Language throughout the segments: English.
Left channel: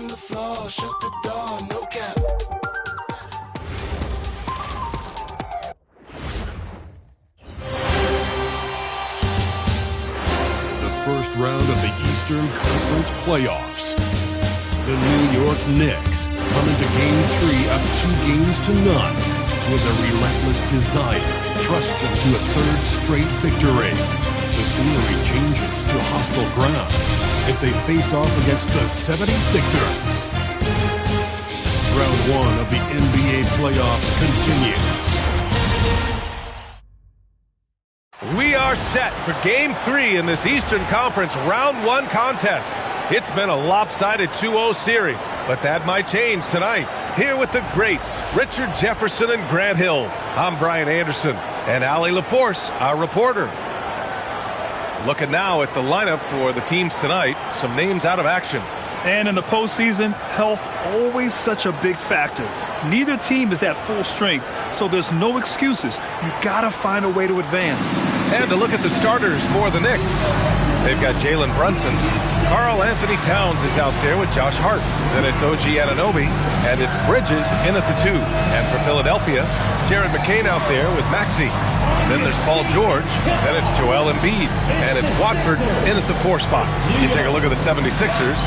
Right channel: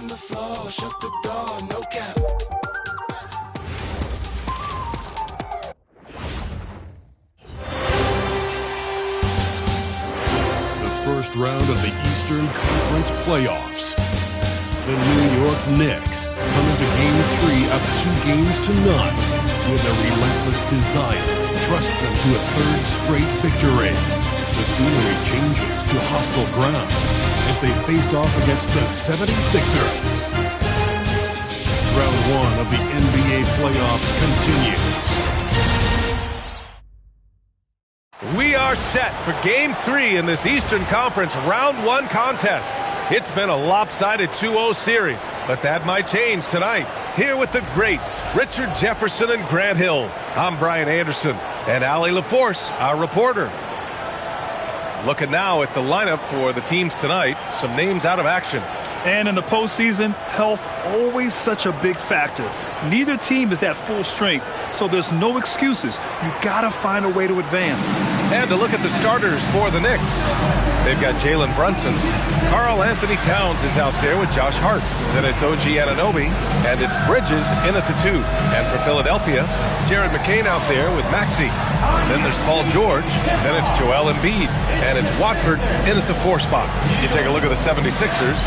on the floor, shut the door, no cap. The first round of the Eastern Conference playoffs. The New York Knicks come into Game 3 up 2-0 with a relentless desire thrust them to a third straight victory. The scenery changes to hostile ground as they face off against the 76ers. Round 1 of the NBA playoffs continues. We are set for Game 3 in this Eastern Conference Round 1 contest. It's been a lopsided 2-0 series, but that might change tonight. Here with the greats, Richard Jefferson and Grant Hill. I'm Brian Anderson, and Allie LaForce, our reporter. Looking now at the lineup for the teams tonight, some names out of action. And in the postseason, health always such a big factor. Neither team is at full strength, so there's no excuses. You gotta find a way to advance. And to look at the starters for the Knicks. They've got Jalen Brunson. Karl Anthony Towns is out there with Josh Hart. Then it's OG Anunoby, and it's Bridges in at the 2. And for Philadelphia, Jared McCain out there with Maxey. Then there's Paul George. Then it's Joel Embiid. And it's Watford in at the 4 spot. You take a look at the 76ers.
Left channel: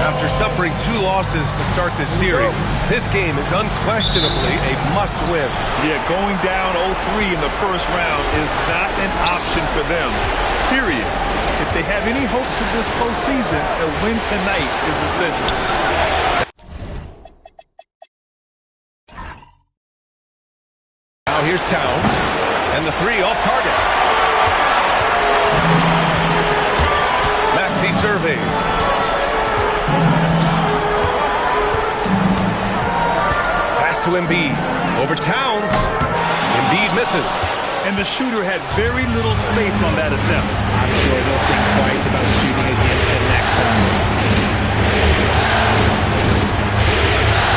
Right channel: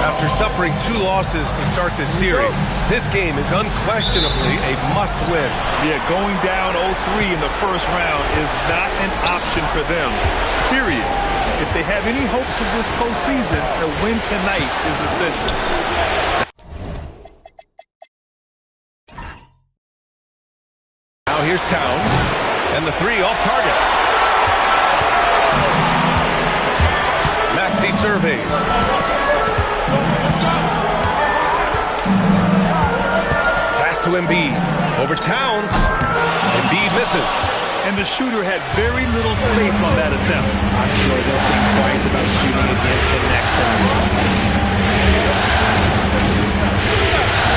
After suffering 2 losses to start this series, this game is unquestionably a must-win. Yeah, going down 0-3 in the first round is not an option for them, period. If they have any hopes of this postseason, a win tonight is essential. Now here's Towns, and the 3 off target. Maxey surveys. Pass to Embiid. Over Towns. Embiid misses. And the shooter had very little space on that attempt. I'm sure they'll think twice about shooting against him next time.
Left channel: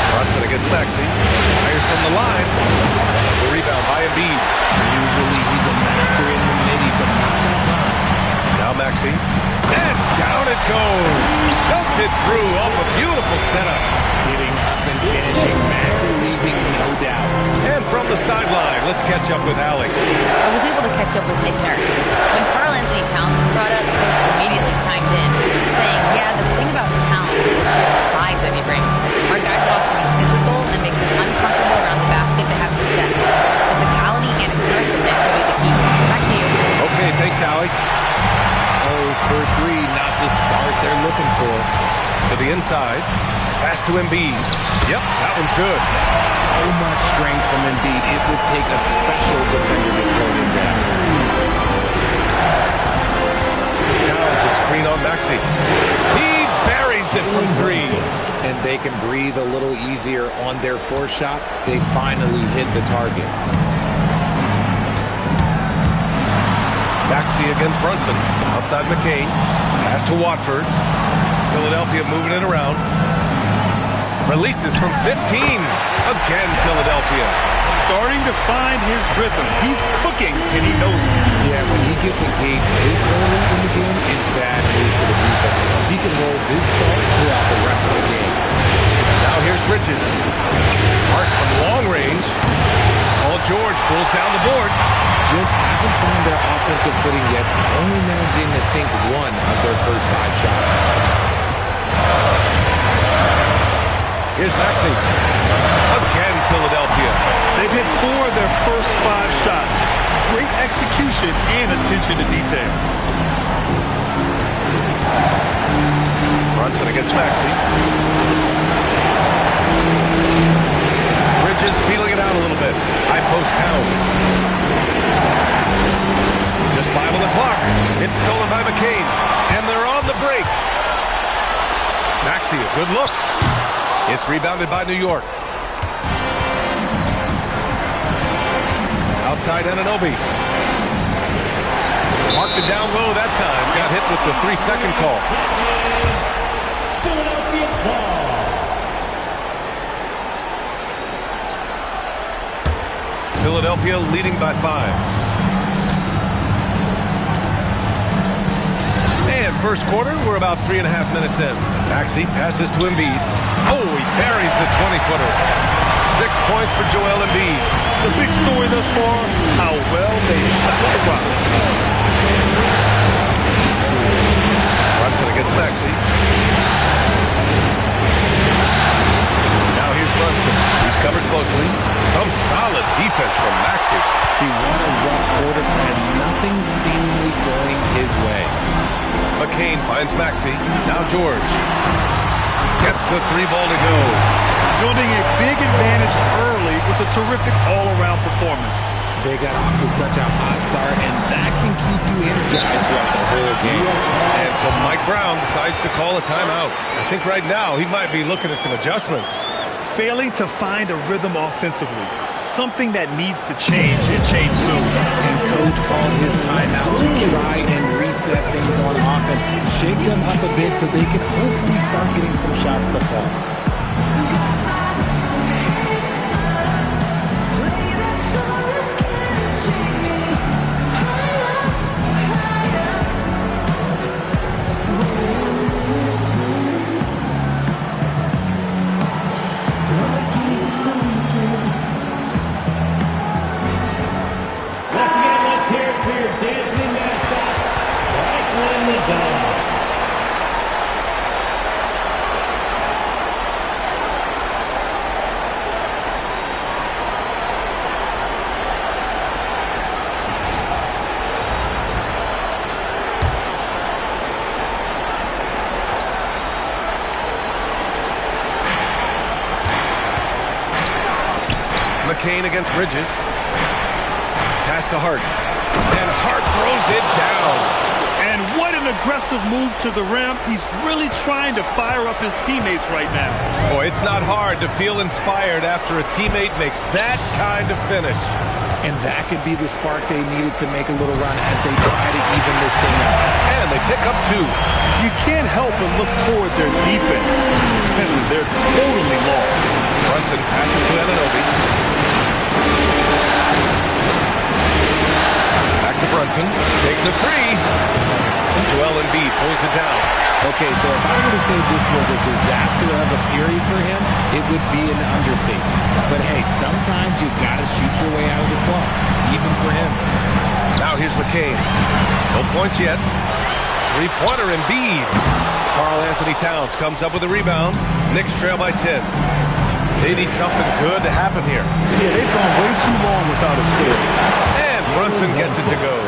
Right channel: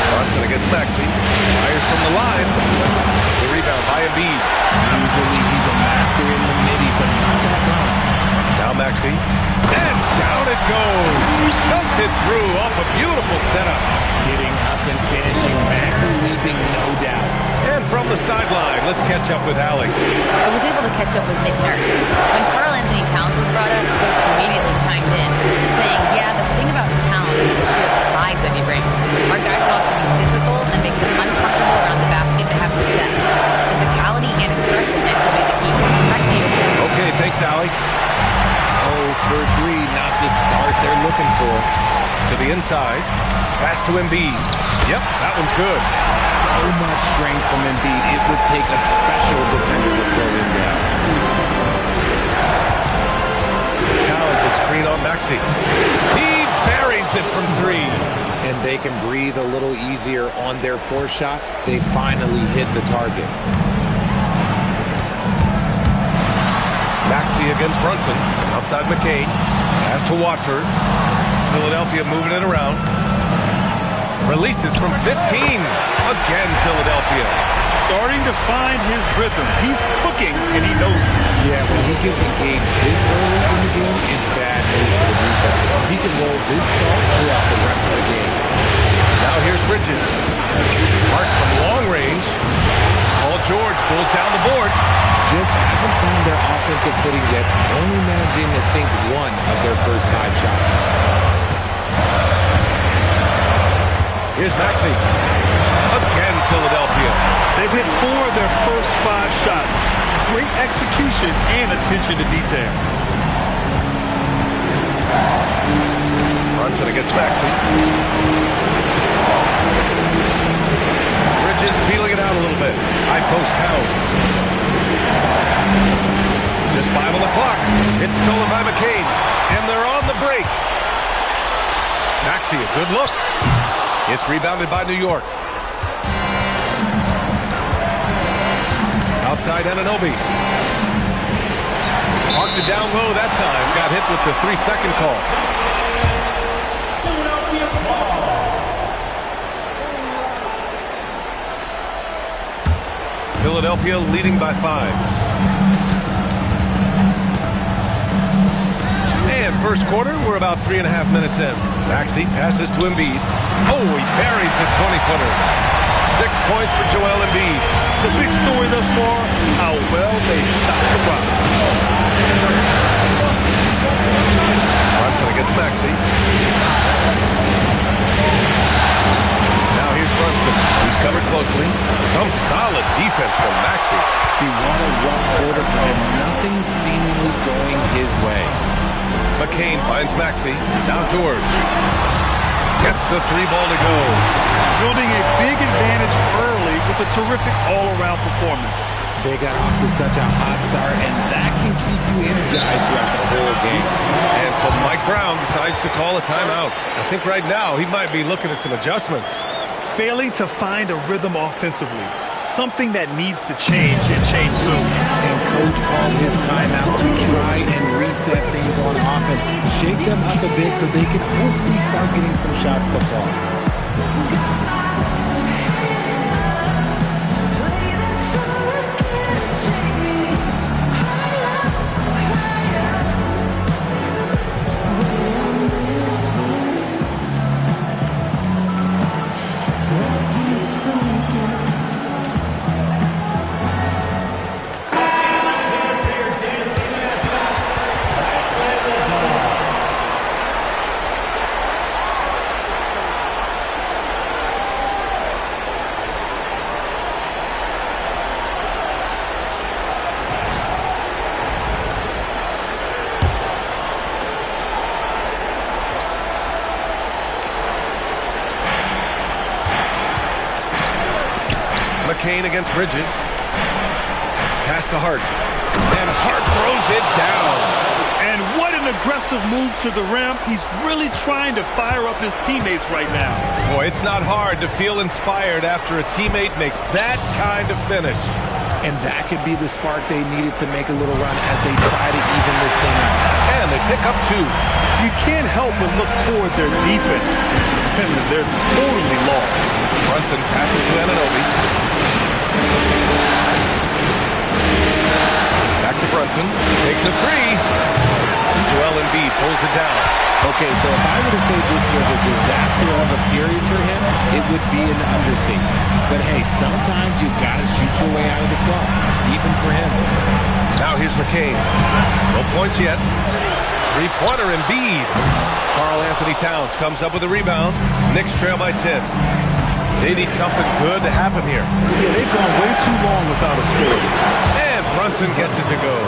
Brunson against Maxey. Fires from the line. The rebound by Embiid. Usually he's a master in the midi, but not that time. Now Maxey. And down it goes. Dunked it through off a beautiful setup. Getting up and finishing. Maxey leaving no doubt. And from the sideline, let's catch up with Allie. I was able to catch up with Nick Nurse. When Karl Anthony Towns was brought up, Coach immediately chimed in, saying, yeah, the thing about Towns is the sheer size that he brings. Our guys will have to be physical and make them uncomfortable around the basket to have success. Physicality and aggressiveness will be the key. Back to you. Okay, thanks, Allie. 0 for 3, not the start they're looking for. To the inside. Pass to Embiid. Yep, that one's good. So much strength from Embiid. It would take a special defender to slow him down. Towns a screen on Maxey. He buries it from 3. And they can breathe a little easier on their 4th shot. They finally hit the target. Maxey against Brunson. Outside McCain. Pass to Watford. Philadelphia moving it around. Releases from 15. Again, Philadelphia. Starting to find his rhythm. He's cooking, and he knows it. Yeah, when he gets engaged this early in the game, it's bad news for the defense. He can roll this start throughout the rest of the game. Now here's Bridges. Hart from long range. Paul George pulls down the board. Just haven't found their offensive footing yet, only managing to sink 1 of their first 5 shots. Here's Maxey. Again, Philadelphia. They've hit 4 of their first 5 shots. Great execution and attention to detail. Brunson against Maxey. Bridges feeling it out a little bit. High post Towns. Just 5 on the clock. It's stolen by McCain. And they're on the break. Maxey, a good look. It's rebounded by New York. Outside Anunoby. Marked it down low that time. Got hit with the 3-second call. Philadelphia ball. Philadelphia leading by 5. And first quarter, we're about 3.5 minutes in. Maxey passes to Embiid. Oh, he buries the 20-footer. 6 points for Joel Embiid. The big story thus far, how well they shot the rock. Brunson against Maxey. Now here's Brunson. He's covered closely. Some solid defense from Maxey. See, what a rough quarter for him. Nothing seemingly going his way. McCain finds Maxey. Now George. Gets the 3-ball to go. Building a big advantage early with a terrific all-around performance. They got off to such a hot start, and that can keep you energized throughout the whole game. And so Mike Brown decides to call a timeout. I think right now he might be looking at some adjustments. Failing to find a rhythm offensively. Something that needs to change and change soon. And coach called his timeout to try and reset things on offense. Shake them up a bit so they can hopefully start getting some shots to fall. McCain against Bridges. Pass to Hart. And Hart throws it down. And what an aggressive move to the rim. He's really trying to fire up his teammates right now. Boy, it's not hard to feel inspired after a teammate makes that kind of finish. And that could be the spark they needed to make a little run as they try to even this thing up. And they pick up 2. You can't help but look toward their defense. They're totally lost. Brunson passes to Anunoby. Back to Brunson. Takes a 3. Joel Embiid pulls it down. Okay, so if I were to say this was a disaster of a period for him, it would be an understatement. But hey, sometimes you got to shoot your way out of the slump, even for him. Now here's McCain. No points yet. 3-pointer Embiid. Karl Anthony Towns comes up with a rebound. Knicks trail by 10. They need something good to happen here. Yeah, they've gone way too long without a score. And Brunson gets it to go.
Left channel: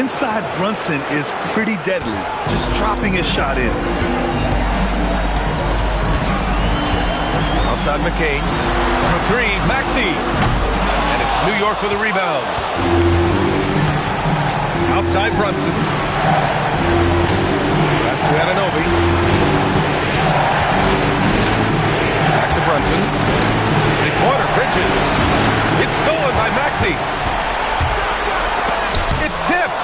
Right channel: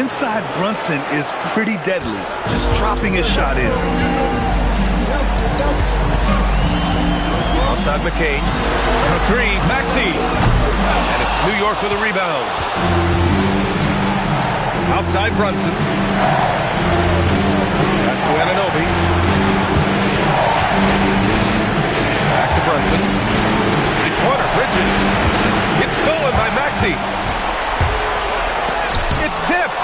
Inside Brunson is pretty deadly, just dropping his shot in. Outside McCain. Number 3, Maxey. And it's New York with a rebound. Outside Brunson. Pass to Anunoby. Back to Brunson. 3-pointer, Bridges. It's stolen by Maxey. It's tipped.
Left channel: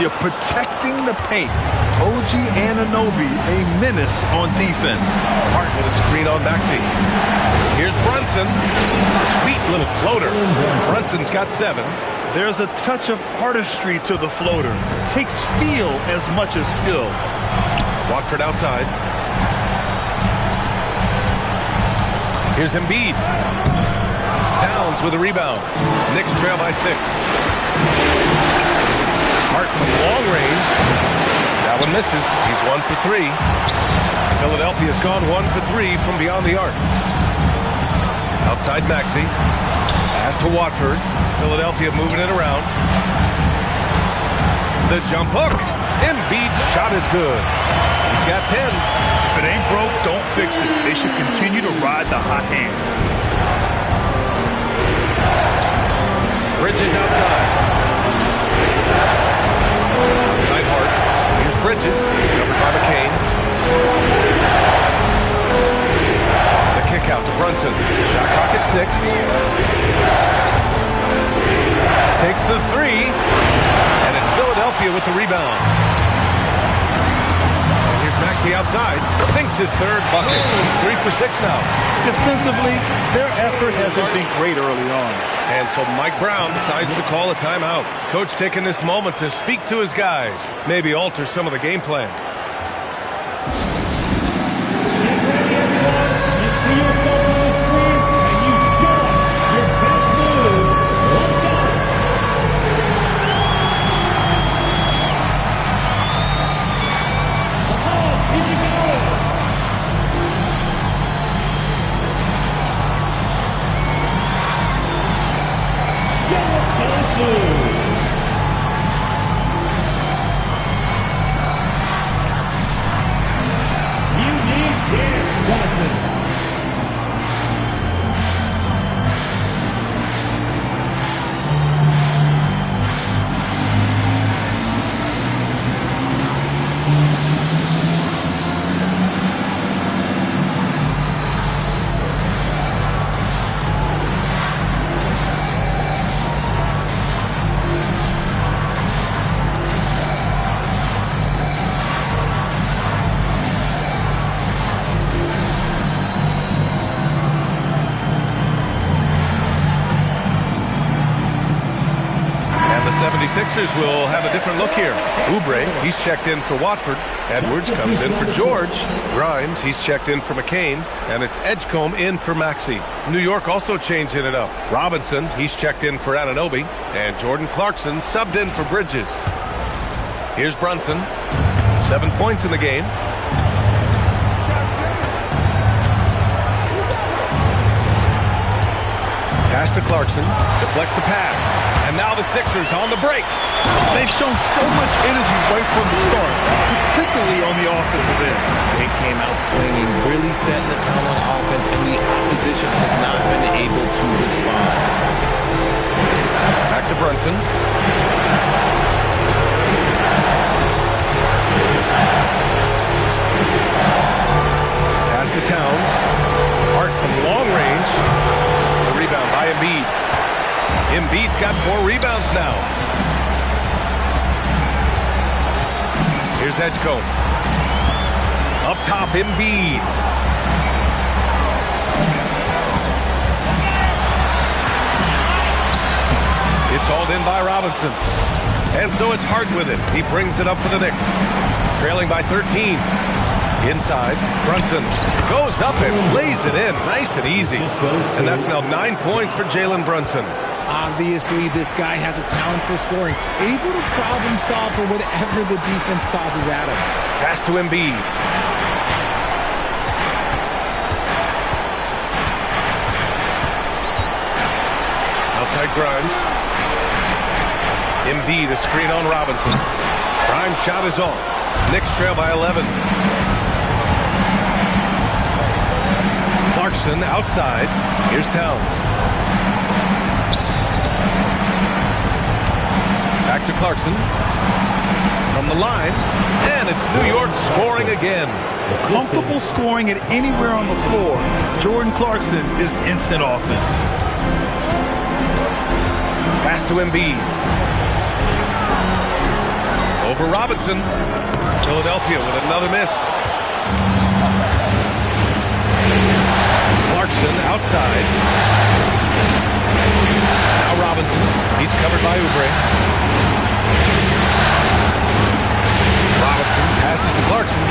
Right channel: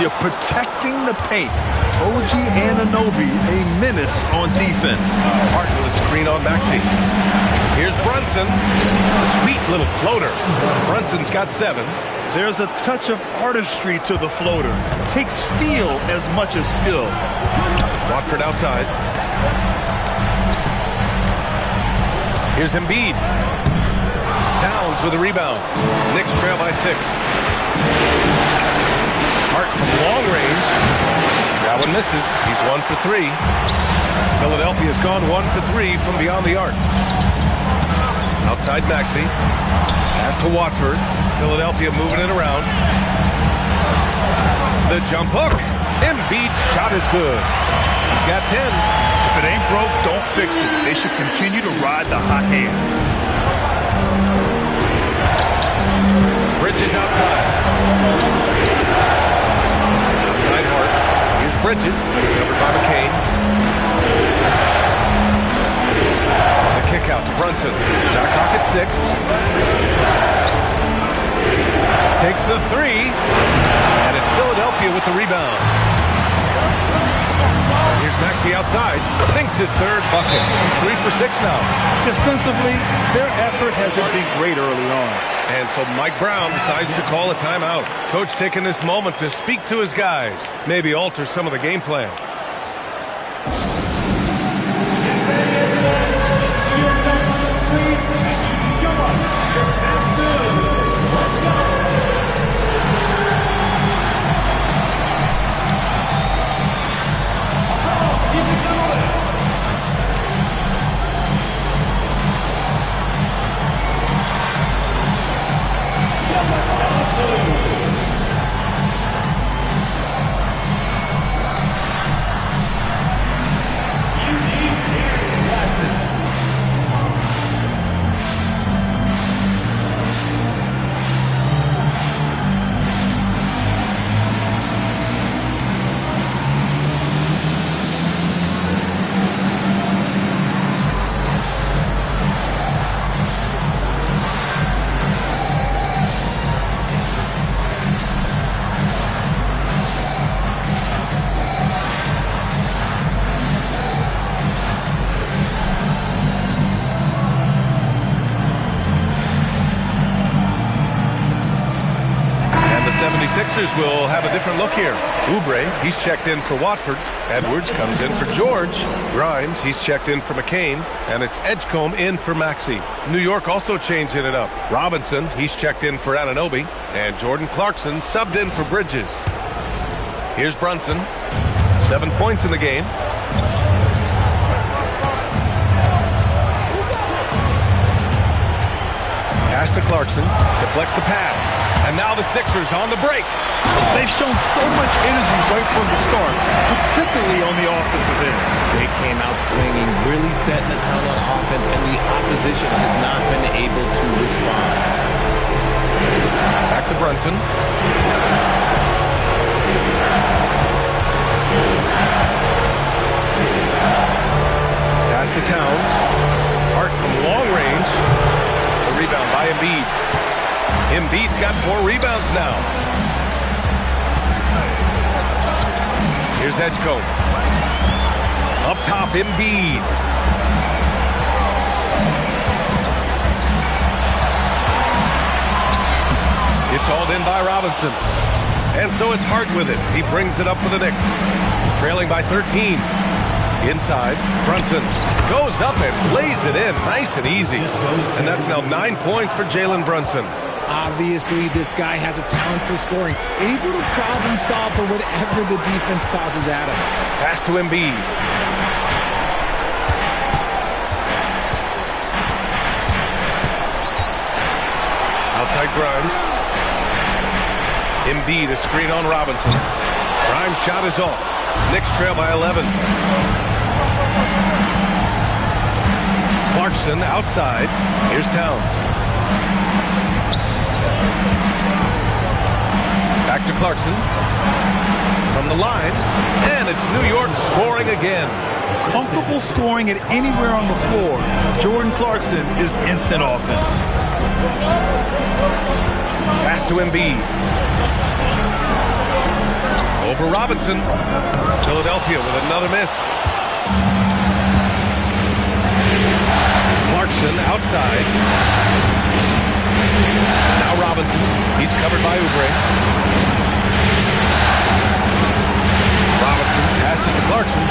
You're protecting the paint. OG Anunoby, a menace on defense. Hart with a screen on Maxey. Here's Brunson. Sweet little floater. Brunson's got 7. There's a touch of artistry to the floater. Takes feel as much as skill. Watford outside. Here's Embiid. Towns with a rebound. Knicks trail by 6. Hart from long range. That one misses. He's 1 for 3. Philadelphia's gone 1 for 3 from beyond the arc. Outside Maxey. Pass to Watford. Philadelphia moving it around. The jump hook. Embiid's shot is good. He's got 10. If it ain't broke, don't fix it. They should continue to ride the hot hand. Bridges outside. Outside Hart. Here's Bridges. Covered by McCain. The kick out to Brunson. Shot clock at 6. Takes the 3. And it's Philadelphia with the rebound. And here's Maxey outside. Sinks his 3rd bucket. He's 3 for 6 now. Defensively, their effort hasn't been great early on. And so Mike Brown decides to call a timeout. Coach taking this moment to speak to his guys. Maybe alter some of the game plan. 76ers will have a different look here. Oubre, he's checked in for Watford. Edwards comes in for George. Grimes, he's checked in for McCain. And it's Edgecombe in for Maxey. New York also changing it up. Robinson, he's checked in for Anunoby. And Jordan Clarkson subbed in for Bridges. Here's Brunson. 7 points in the game. Pass to Clarkson. Deflects the pass. And now the Sixers on the break. They've shown so much energy right from the start, particularly on the offensive end. They came out swinging, really setting the tone on offense, and the opposition has not been able to respond. Back to Brunson. Pass to Towns. Hart from long range. The rebound by Embiid. Embiid's got 4 rebounds now. Here's Edgecombe. Up top, Embiid. It's hauled in by Robinson. And so it's Hart with it. He brings it up for the Knicks. Trailing by 13. Inside, Brunson goes up and lays it in. Nice and easy. And that's now 9 points for Jalen Brunson. Obviously, this guy has a talent for scoring, able to problem solve for whatever the defense tosses at him. Pass to Embiid. Outside Grimes. Embiid, a screen on Robinson. Grimes' shot is off. Knicks trail by 11. Clarkson outside. Here's Towns. Back to Clarkson. From the line. And it's New York scoring again. Comfortable scoring it anywhere on the floor. Jordan Clarkson is instant offense. Pass to Embiid. Over Robinson. Philadelphia with another miss. Clarkson outside. Now Robinson. He's covered by Oubre. Robinson passes to Clarkson.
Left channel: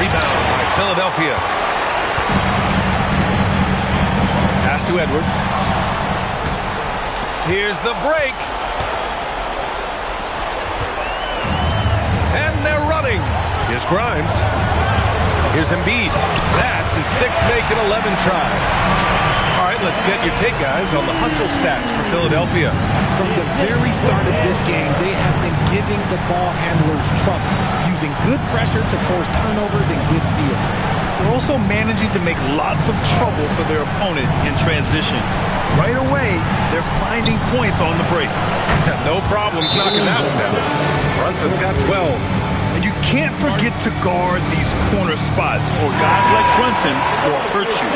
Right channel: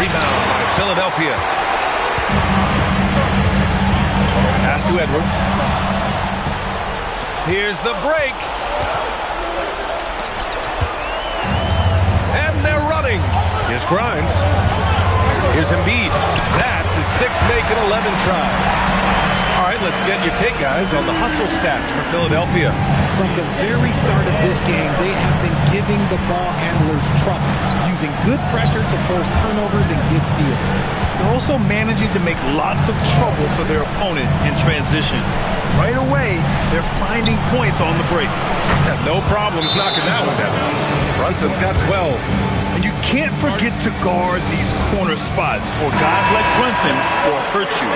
Rebound by Philadelphia. Pass to Edwards. Here's the break. And they're running. Here's Grimes. Here's Embiid. That's his 6th make in 11 tries. All right, let's get your take, guys, on the hustle stats for Philadelphia. From the very start of this game, they have been giving the ball handlers trouble, using good pressure to force turnovers and get steals. They're also managing to make lots of trouble for their opponent in transition. Right away, they're finding points on the break. No problems knocking that one down. Brunson's got 12. And you can't forget to guard these corner spots, or guys like Brunson will hurt you.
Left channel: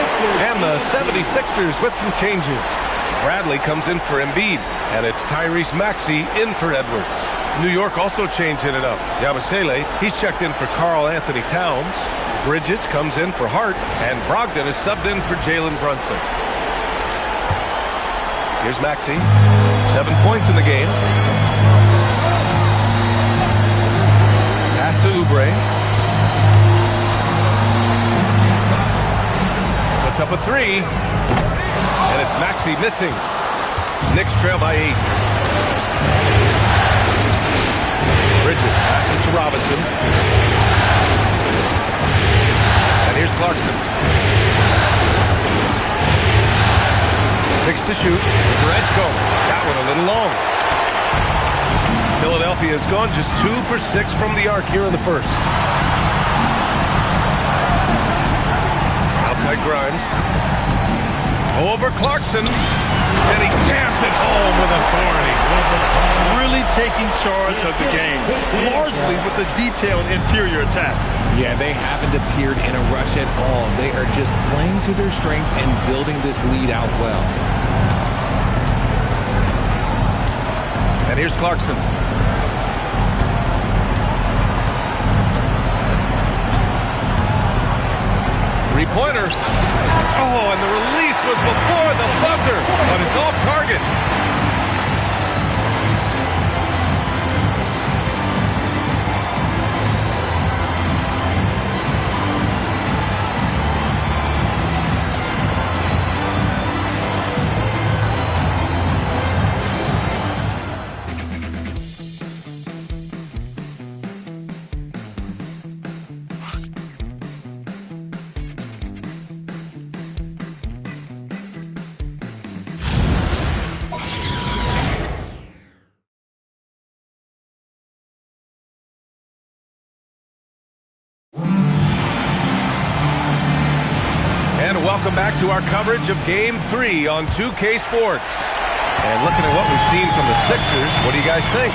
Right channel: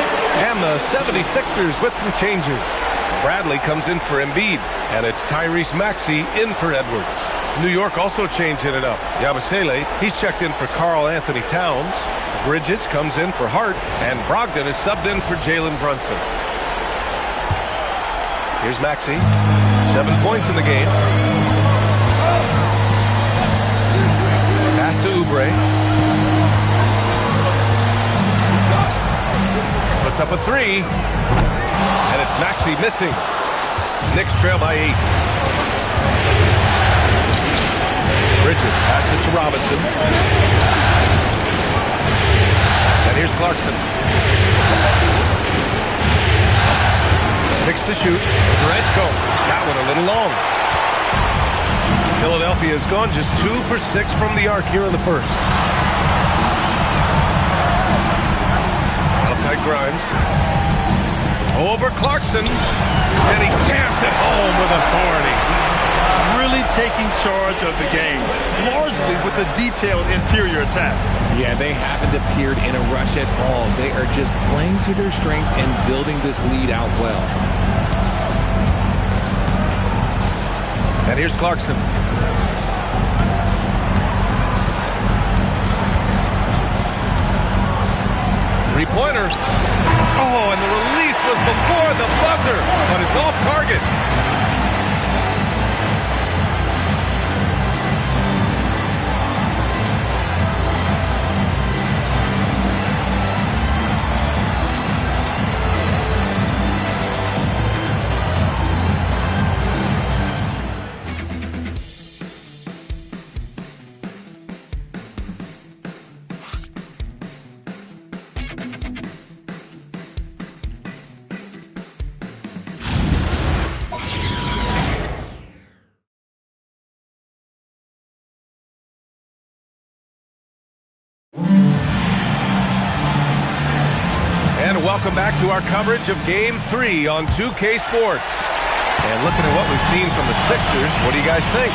And the 76ers with some changes. Bradley comes in for Embiid, and it's Tyrese Maxey in for Edwards. New York also changing it up. Yabusele, he's checked in for Karl Anthony Towns. Bridges comes in for Hart, and Brogdon is subbed in for Jalen Brunson. Here's Maxey. 7 points in the game. Pass to Oubre. Puts up a 3. And it's Maxey missing. Knicks trail by 8. Bridges passes to Robinson. And here's Clarkson. 6 to shoot. For Edgecombe. That one a little long. Philadelphia has gone just 2 for 6 from the arc here in the first. Outside Grimes. Over Clarkson. And he jams it home with authority. Really taking charge of the game, largely with a detailed interior attack. Yeah, they haven't appeared in a rush at all. They are just playing to their strengths and building this lead out well. And here's Clarkson. Three-pointer. Oh, and the release was before the buzzer, but it's off target. And welcome back to our coverage of Game 3 on 2K Sports. And looking at what we've seen from the Sixers, what do you guys think?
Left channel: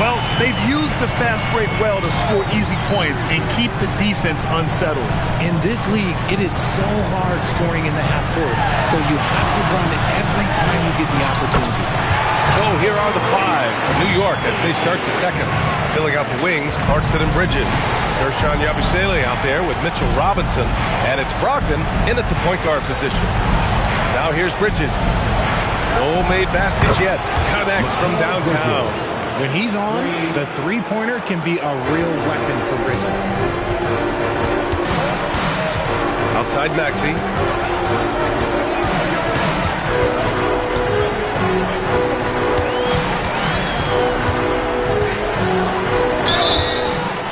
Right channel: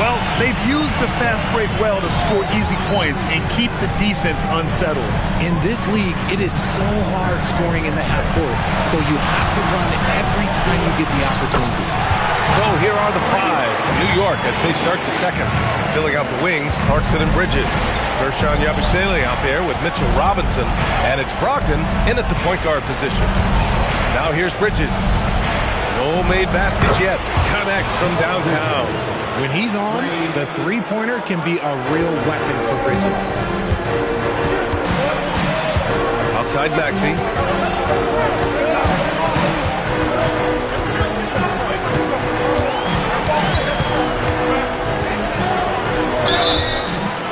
Well, they've used the fast break well to score easy points and keep the defense unsettled. In this league, it is so hard scoring in the half court, so you have to run every time you get the opportunity. So here are the five from New York as they start the second. Filling out the wings, Clarkson and Bridges. Dershawn Yabusele out there with Mitchell Robinson. And it's Brogdon in at the point guard position. Now here's Bridges. No made baskets yet. Connects from downtown. When he's on, the three-pointer can be a real weapon for Bridges. Outside Maxey.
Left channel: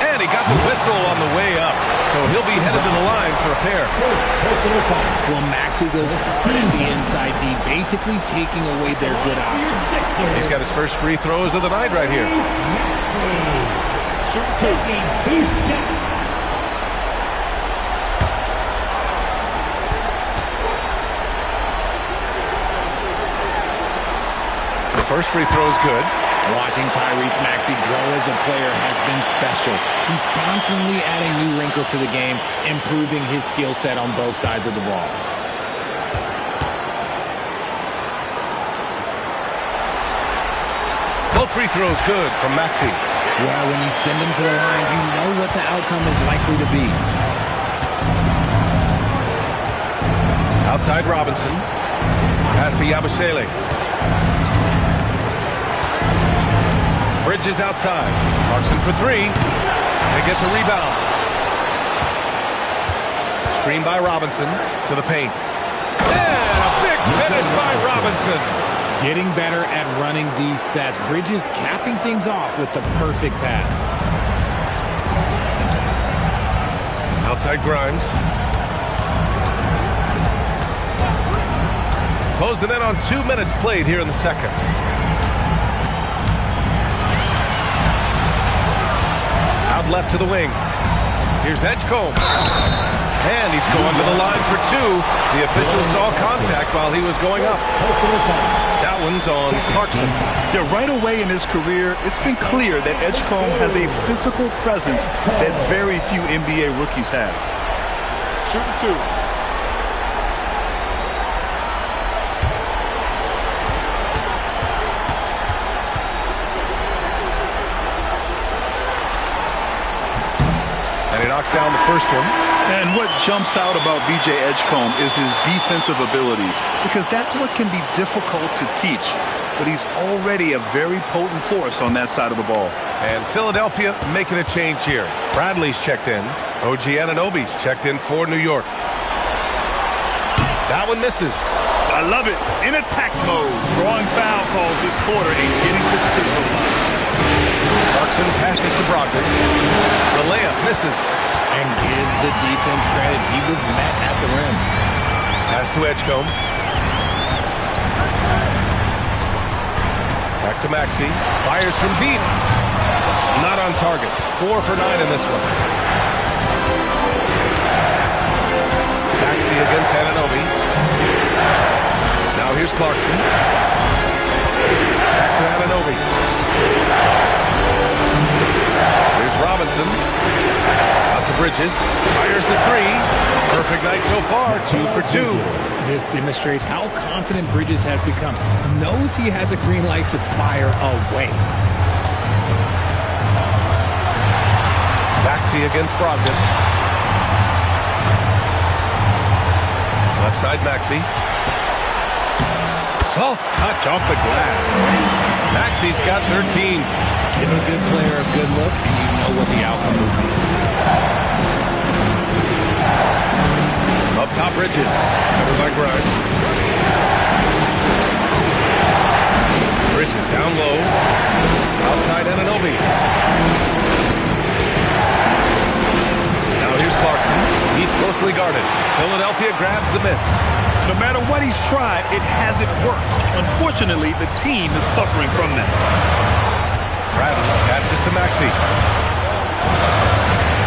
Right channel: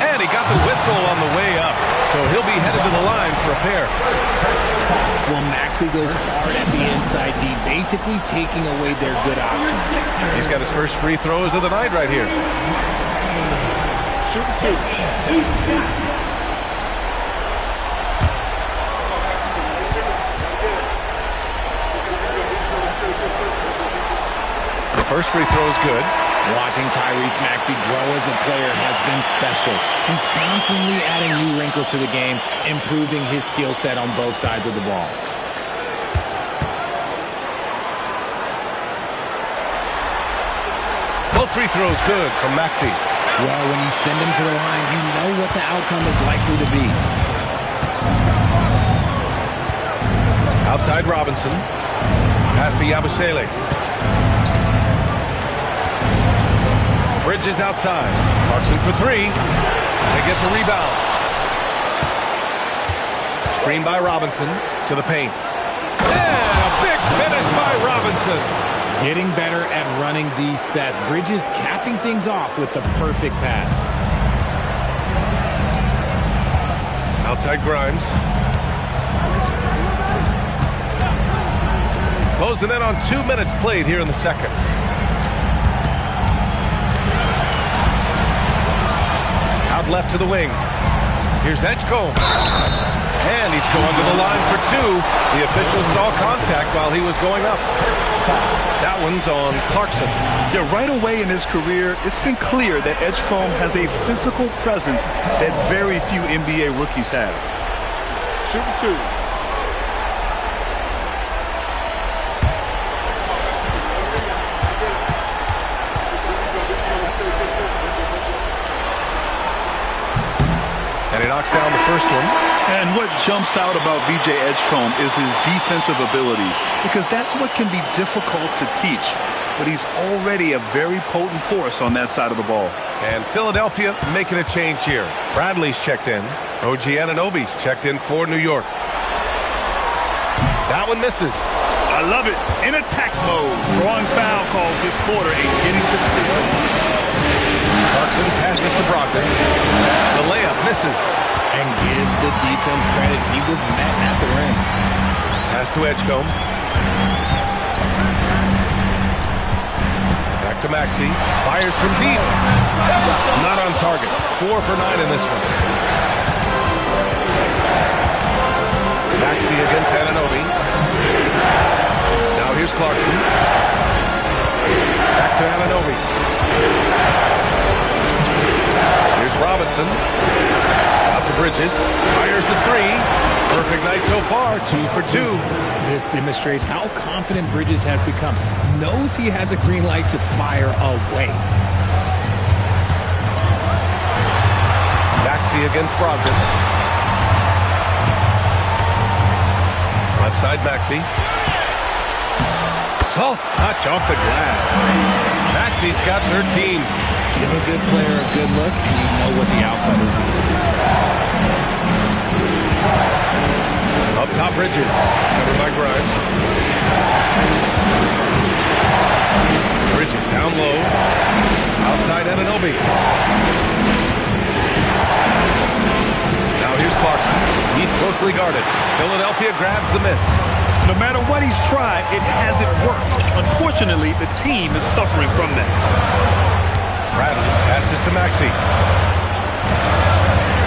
And he got the whistle on the way up. So he'll be headed to the line for a pair. Well, Maxey goes hard at the inside D, basically taking away their good options. He's got his first free throws of the night right here. Shoot two. The first free throw is good. Watching Tyrese Maxey grow as a player has been special. He's constantly adding new wrinkles to the game, improving his skill set on both sides of the ball. Both free throws good from Maxey. Well, when you send him to the line, you know what the outcome is likely to be. Outside Robinson. Pass to Yabusele. Bridges outside. Clarkson for three. They get the rebound. Screen by Robinson to the paint. And a big finish by Robinson. Getting better at running these sets. Bridges capping things off with the perfect pass. Outside Grimes. Close the net on 2 minutes played here in the second. Out left to the wing. Here's Edgecombe. And he's going to the line for two. The official saw contact while he was going up. That one's on Clarkson. Yeah, right away in his career, it's been clear that Edgecombe has a physical presence that very few NBA rookies have. Shooting two. And he knocks down the first one. And what jumps out about VJ Edgecombe is his defensive abilities, because that's what can be difficult to teach. But he's already a very potent force on that side of the ball. And Philadelphia making a change here. Bradley's checked in. OG Anunoby's checked in for New York. That one misses. I love it. In attack mode. Drawing foul calls this quarter and getting to the free throw line. Clarkson passes to Brogdon. The layup misses. And give the defense credit. He was met at the rim. Pass to Edgecombe. Back to Maxey. Fires from deep. Not on target. 4 for 9 in this one. Maxey against Anunoby. Now here's Clarkson. Back to Anunoby. Here's Robinson. Out to Bridges. Fires the three. Perfect night so far. 2 for 2. This demonstrates how confident Bridges has become. Knows he has a green light to fire away. Maxey against Brogdon. Left side, Maxey. Soft touch off the glass. Maxey's got 13. Give a good player a good look, and you know what the outcome will be. Up top, Bridges. Covered by Grimes. Bridges down low. Outside Anunoby. Now here's Clarkson. He's closely guarded. Philadelphia grabs the miss. No matter what he's tried, it hasn't worked. Unfortunately, the team is suffering from that. Bradley passes to Maxey.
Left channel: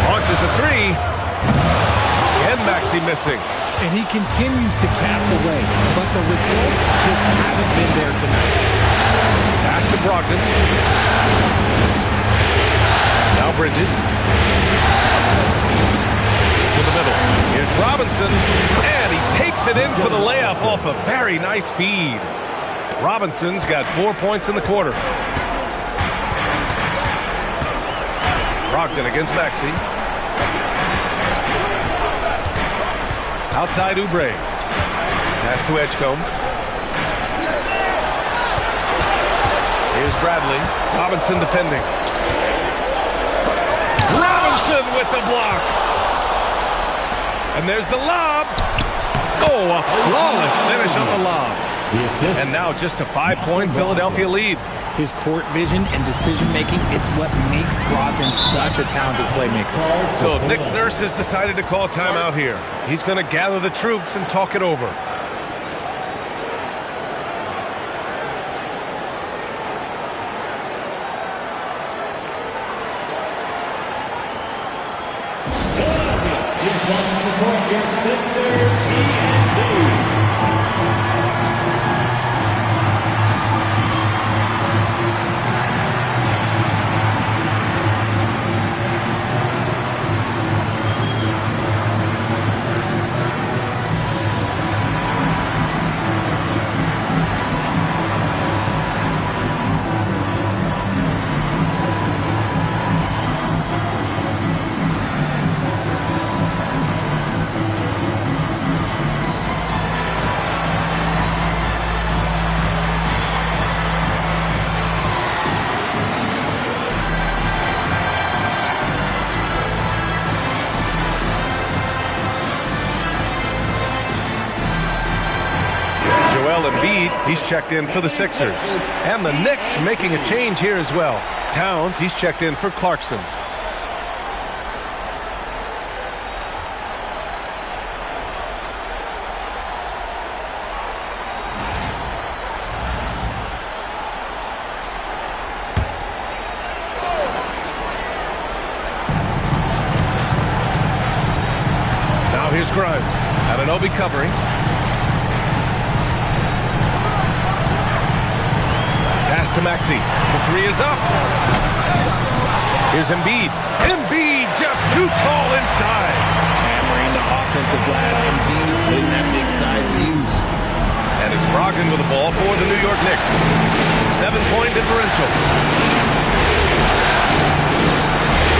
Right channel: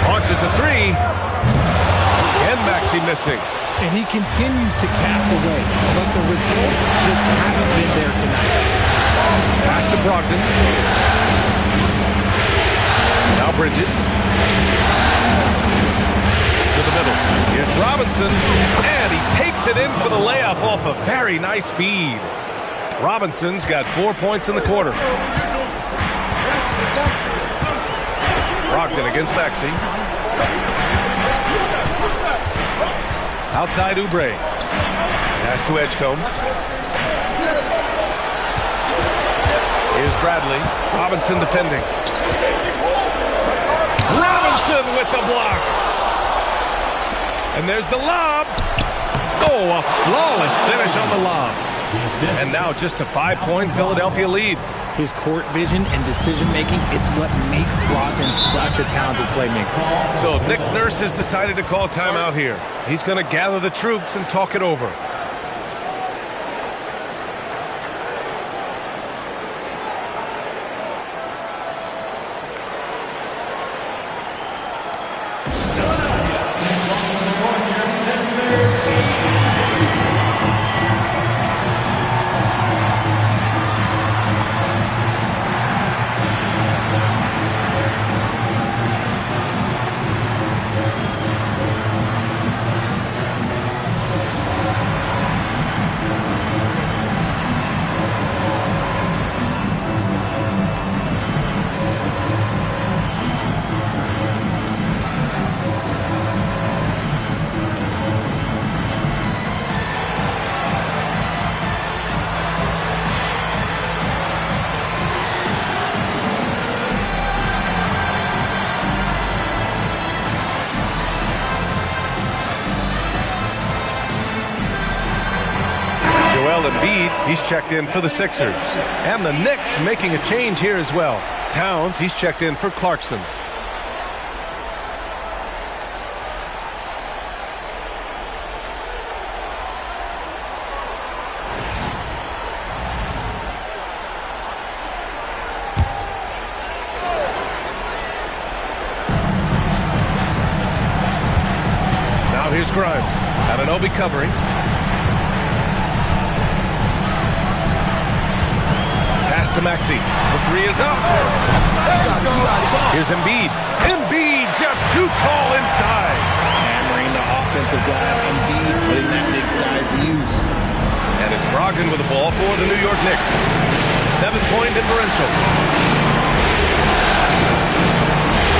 Launches a three. And Maxey missing. And he continues to cast away, but the results just haven't been there tonight. Pass to Brogdon. Now Bridges. To the middle. Here's Robinson. And he takes it in for the layup off a very nice feed. Robinson's got 4 points in the quarter. Brogdon against Maxey. Outside Oubre. Pass to Edgecombe. Here's Bradley. Robinson defending. Robinson with the block. And there's the lob. Oh, a flawless finish on the lob. And now just a 5-point Philadelphia lead. His court vision and decision-making, it's what makes Brogdon such a talented playmaker. So Nick Nurse has decided to call timeout here. He's going to gather the troops and talk it over. Joel Embiid, he's checked in for the Sixers. And the Knicks making a change here as well. Towns, he's checked in for Clarkson. Now here's Grimes. Anunoby covering. Pass to Maxey. The three is up. Here's Embiid. Embiid just too tall inside. Hammering the offensive glass. Embiid putting that big size to use. And it's Brogdon with the ball for the New York Knicks. 7-point differential.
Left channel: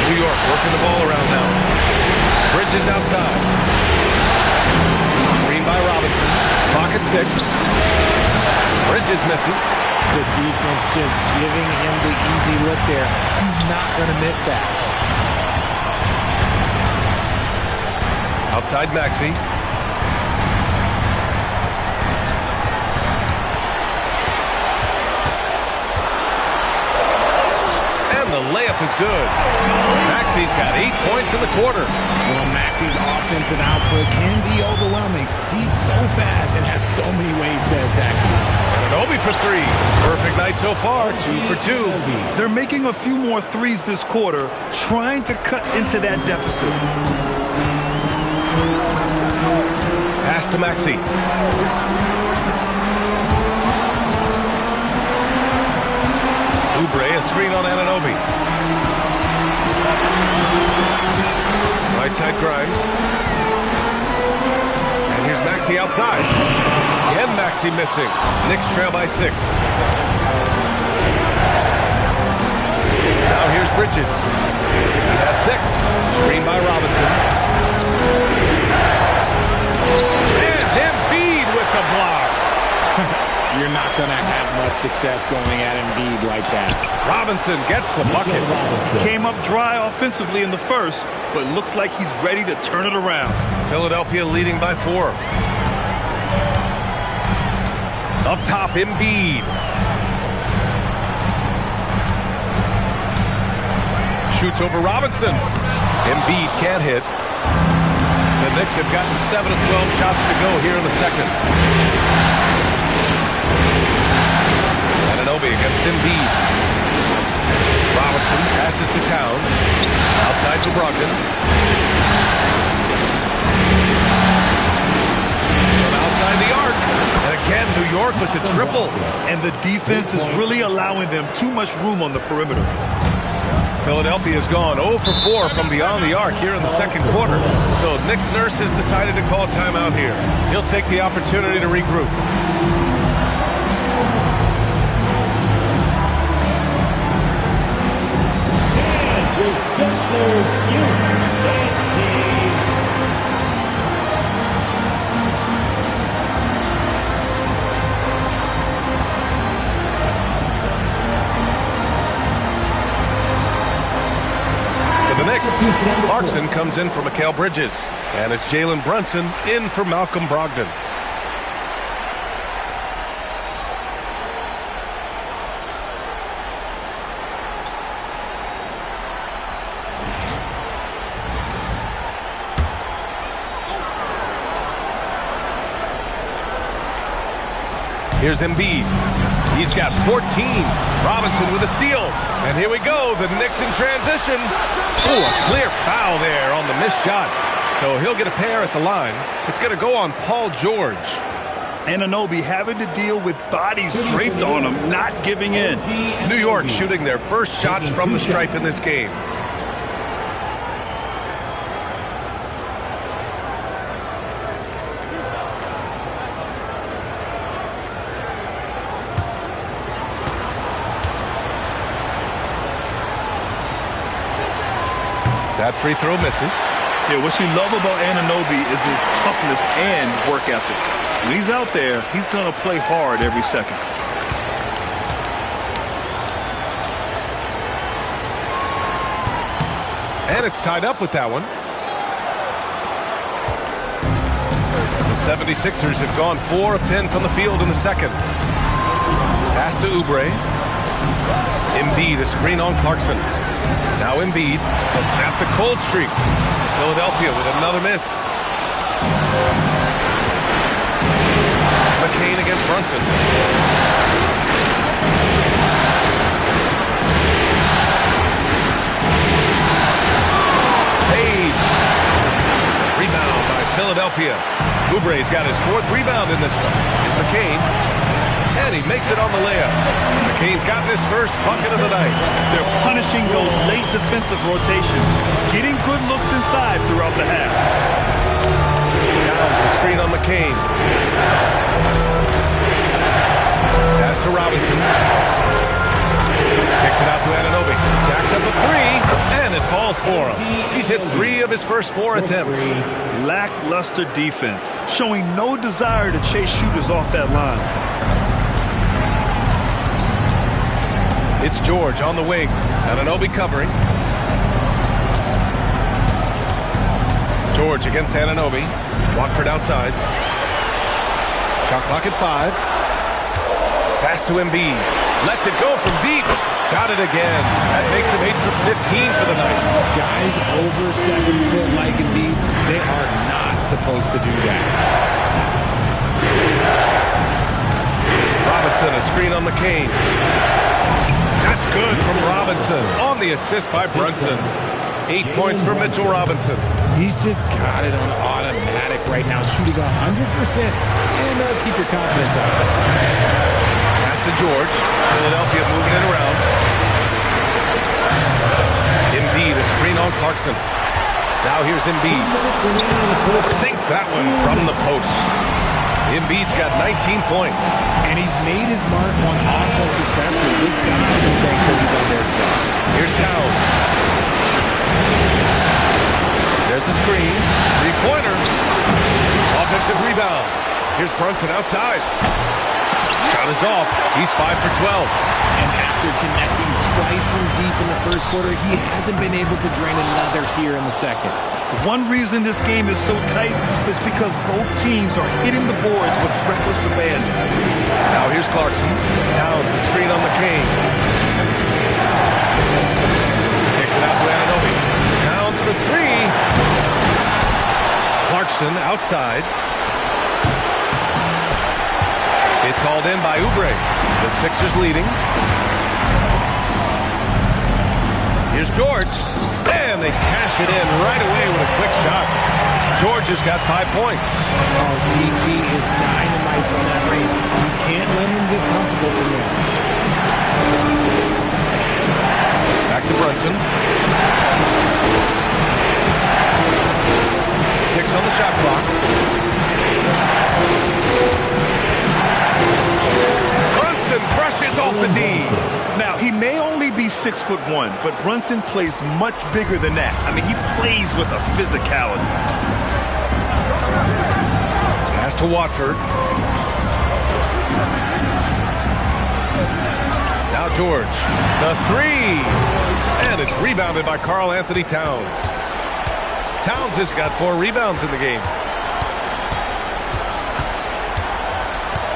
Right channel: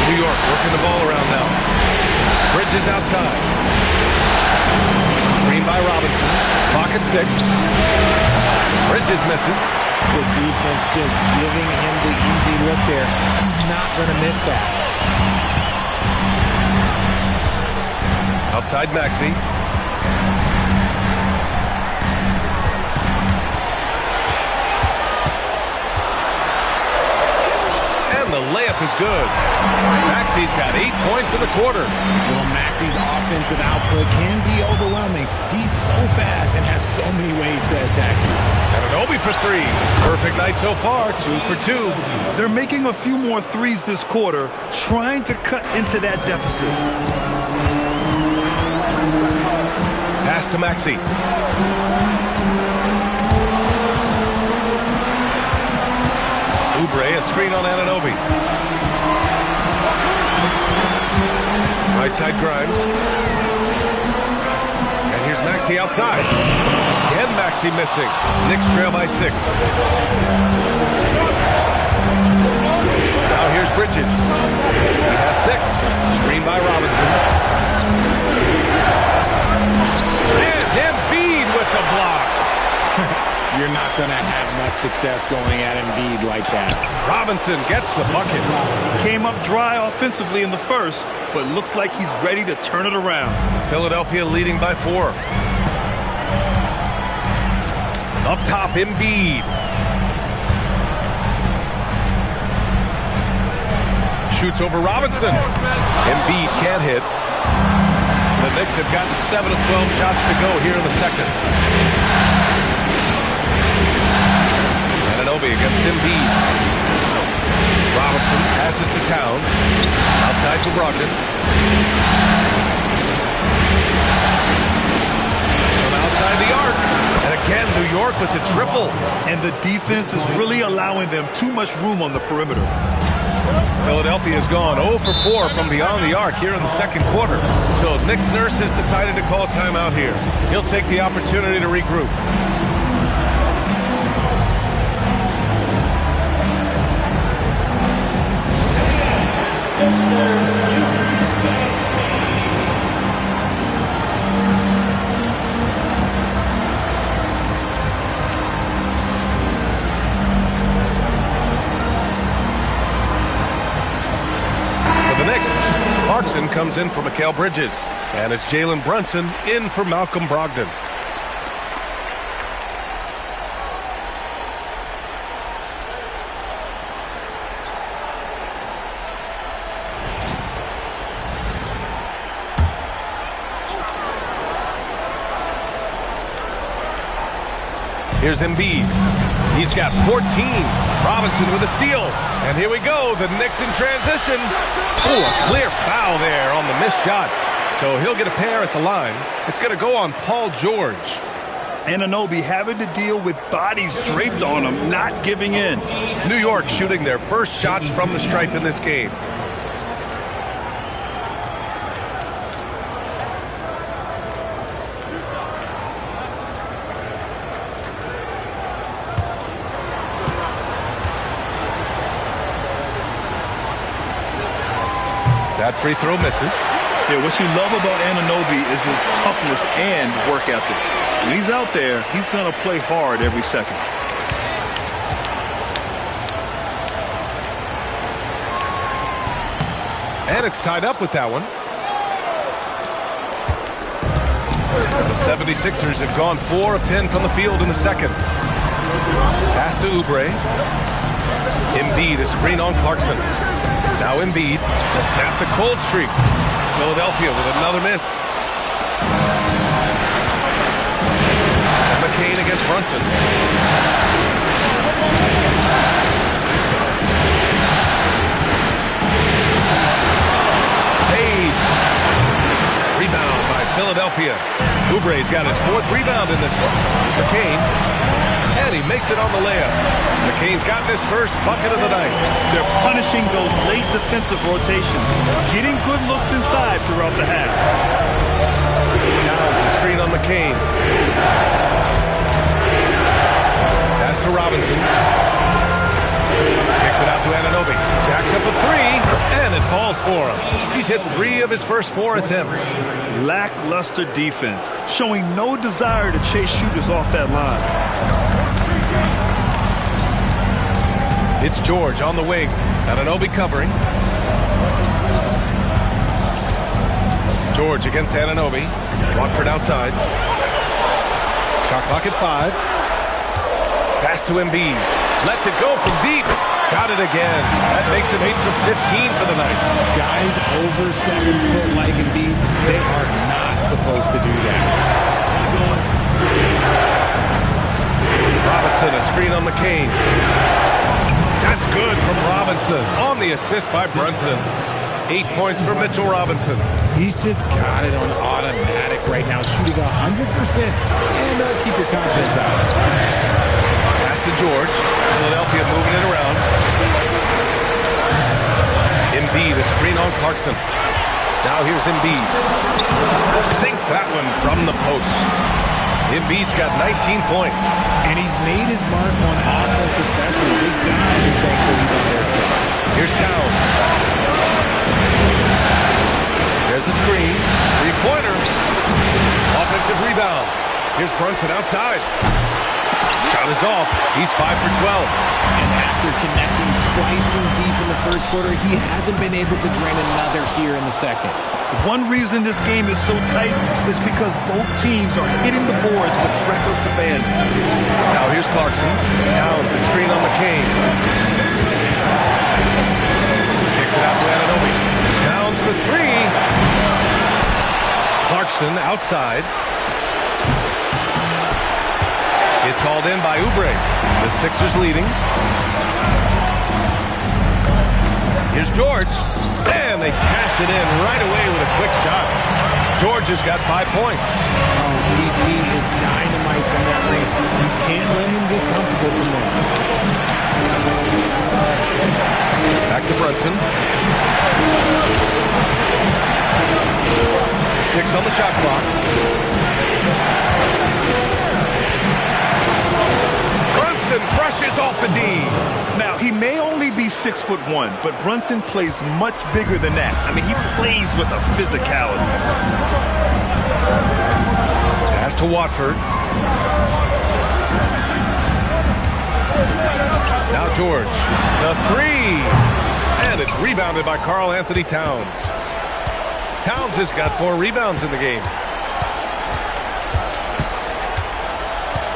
New York working the ball around now. Bridges outside. Screen by Robinson. Clock at 6. Bridges misses. The defense just giving him the easy look there. He's not going to miss that. Outside Maxey. And the layup is good. Maxey's got 8 points in the quarter. Well, Maxey's offensive output can be overwhelming. He's so fast and has so many ways to attack you. Anunoby for 3. Perfect night so far, 2 for 2. They're making a few more threes this quarter, trying to cut into that deficit. Pass to Maxey. Oubre, a screen on Anunoby. Right side Grimes. And here's Maxey outside. Again Maxey missing. Knicks trail by 6. Now here's Bridges. He has 6. Screen by Robinson. And him a block. You're not going to have much success going at Embiid like that. Robinson gets the bucket. He came up dry offensively in the first, but looks like he's ready to turn it around. Philadelphia leading by 4. Up top, Embiid. Shoots over Robinson. Embiid can't hit. The Knicks have gotten 7 of 12 shots to go here in the second. Anunoby against Embiid. Robinson passes to Towns. Outside to Brogdon. From outside the arc. And again, New York with the triple. And the defense is really allowing them too much room on the perimeter. Philadelphia has gone 0 for 4 from beyond the arc here in the second quarter. So Nick Nurse has decided to call timeout here. He'll take the opportunity to regroup. The Knicks, Clarkson comes in for Mikal Bridges, and it's Jalen Brunson in for Malcolm Brogdon. Here's Embiid. He's got 14. Robinson with a steal. And here we go. The Knicks in transition. Oh, a clear foul there on the missed shot. So he'll get a pair at the line. It's going to go on Paul George. Anunoby having to deal with bodies draped on him, not giving in. New York shooting their first shots from the stripe in this game. That free throw misses. Yeah, what you love about Anunoby is his toughness and work ethic. When he's out there, he's going to play hard every second. And it's tied up with that one. The 76ers have gone 4 of 10 from the field in the second. Pass to Oubre. Embiid, a screen on Clarkson. Now Embiid to snap the cold streak. Philadelphia with another miss. McCain against Brunson. Fades. Rebound by Philadelphia. Oubre's got his 4th rebound in this one. Here's McCain. And he makes it on the layup. McCain's gotten his first bucket of the night. They're punishing those late defensive rotations, getting good looks inside throughout the half. Down to screen on McCain. Pass to Robinson. Kicks it out to Anunoby. Jacks up a 3, and it falls for him. He's hit 3 of his first 4 attempts. Lackluster defense, showing no desire to chase shooters off that line. It's George on the wing. Anunoby covering. George against Anunoby. Watford outside. Shot clock at 5. Pass to Embiid. Lets it go from deep. Got it again. That makes him 8 for 15 for the night. Guys over 7 foot like Embiid, they are not supposed to do that. Robinson, a screen on McCain. That's good from Robinson on the assist by Brunson. 8 points for Mitchell Robinson. He's just got it on automatic right now, shooting 100%. And keep your confidence out. Pass to George. Philadelphia moving it around. Embiid, a screen on Clarkson. Now here's Embiid. Sinks that one from the post. Embiid's got 19 points. And he's made his mark on offense especially. Big guy who's thankful he's on their spot. Here's Towns. There's a screen. 3-pointer. Offensive rebound. Here's Brunson outside. Shot is off. He's 5 for 12. And after connecting twice from deep in the first quarter, he hasn't been able to drain another here in the second. One reason this game is so tight is because both teams are hitting the boards with reckless abandon. Now here's Clarkson. Towns is screen on McCain. Kicks it out to Anunoby. Towns for three. Clarkson outside. It's hauled in by Oubre. The Sixers leading. Here's George. And they cash it in right away with a quick shot. George has got 5 points. Oh, PG is dynamite from that range. You can't let him get comfortable from there. Back to Brunson. 6 on the shot clock. Brunson brushes off the D. Now, he may only be 6'1", but Brunson plays much bigger than that. I mean, he plays with a physicality. Pass to Watford. Now George. The three. And it's rebounded by Karl Anthony Towns. Towns has got 4 rebounds in the game.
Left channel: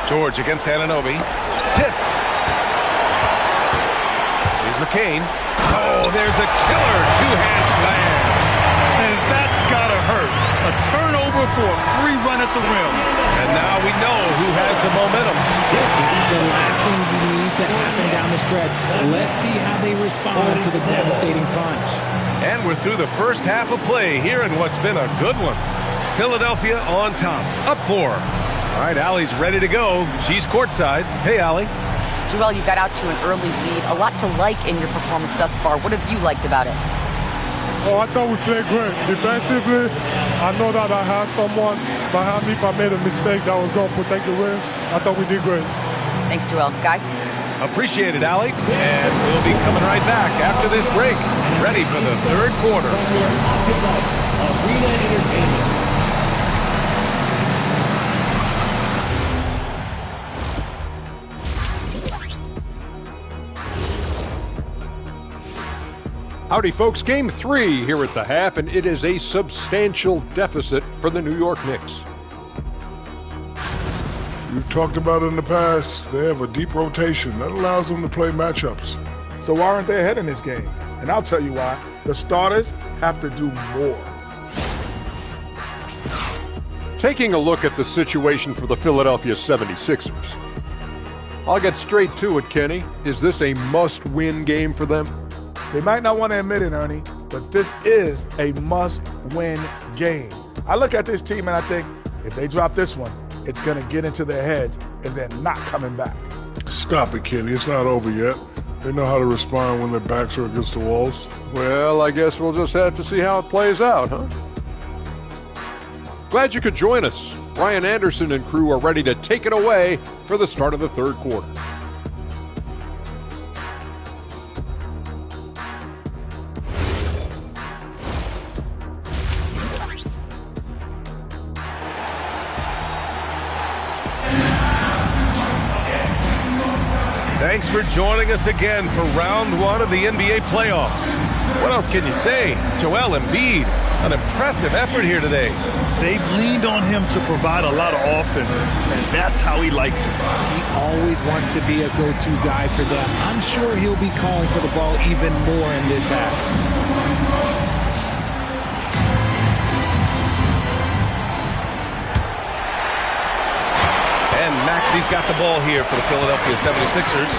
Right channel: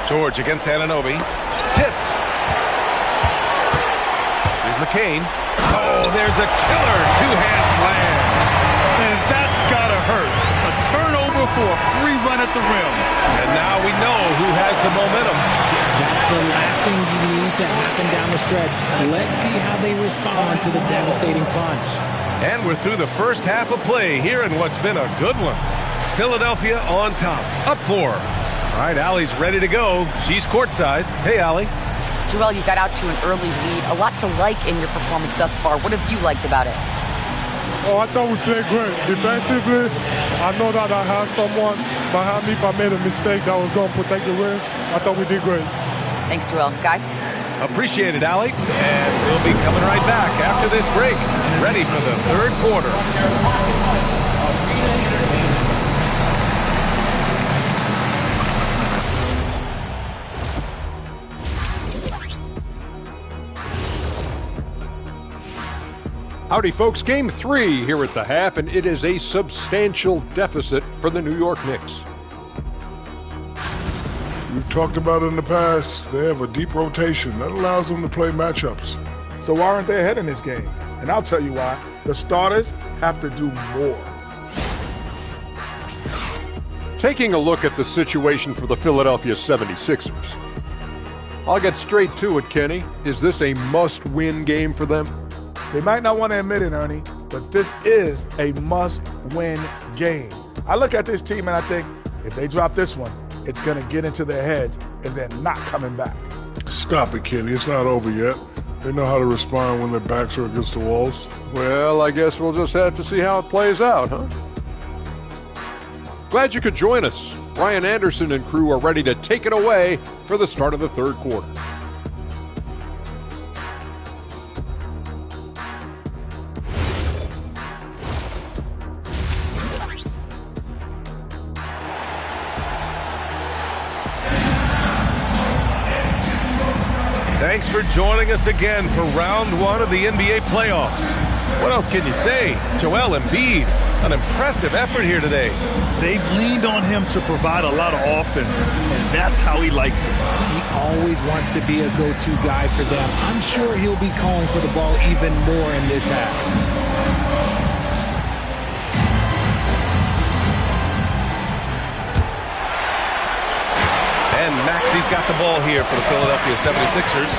George against Anunoby. Tipped. Here's McCain. Oh, there's a killer two-hand slam. And that's gotta hurt. A turnover for a free run at the rim. And now we know who has the momentum. That's the last thing you need to happen down the stretch. Let's see how they respond to the devastating punch. And we're through the first half of play here in what's been a good one. Philadelphia on top, up 4. All right, Allie's ready to go. She's courtside. Hey, Allie. Joel, you got out to an early lead. A lot to like in your performance thus far. What have you liked about it? Oh, I thought we played great. Defensively, I know that I had someone behind me if I made a mistake that was going to protect the rim. I thought we did great. Thanks, Joel. Guys? Appreciate it, Allie. And we'll be coming right back after this break. Ready for the third quarter. Howdy, folks. Game 3 here at the half, and it is a substantial deficit for the New York Knicks. We've talked about it in the past. They have a deep rotation that allows them to play matchups. So why aren't they ahead in this game? And I'll tell you why. The starters have to do more. Taking a look at the situation for the Philadelphia 76ers. I'll get straight to it, Kenny. Is this a must-win game for them? They might not want to admit it, Ernie, but this is a must-win game. I look at this team and I think, if they drop this one, it's going to get into their heads and then not coming back. Stop it, Kenny. It's not over yet. They know how to respond when their backs are against the walls. Well, I guess we'll just have to see how it plays out, huh? Glad you could join us. Ryan Anderson and crew are ready to take it away for the start of the third quarter. Thanks for joining us again for round 1 of the NBA playoffs. What else can you say? Joel Embiid, an impressive effort here today. They've leaned on him to provide a lot of offense, and that's how he likes it. He always wants to be a go-to guy for them. I'm sure he'll be calling for the ball even more in this half. And Maxi's got the ball here for the Philadelphia 76ers.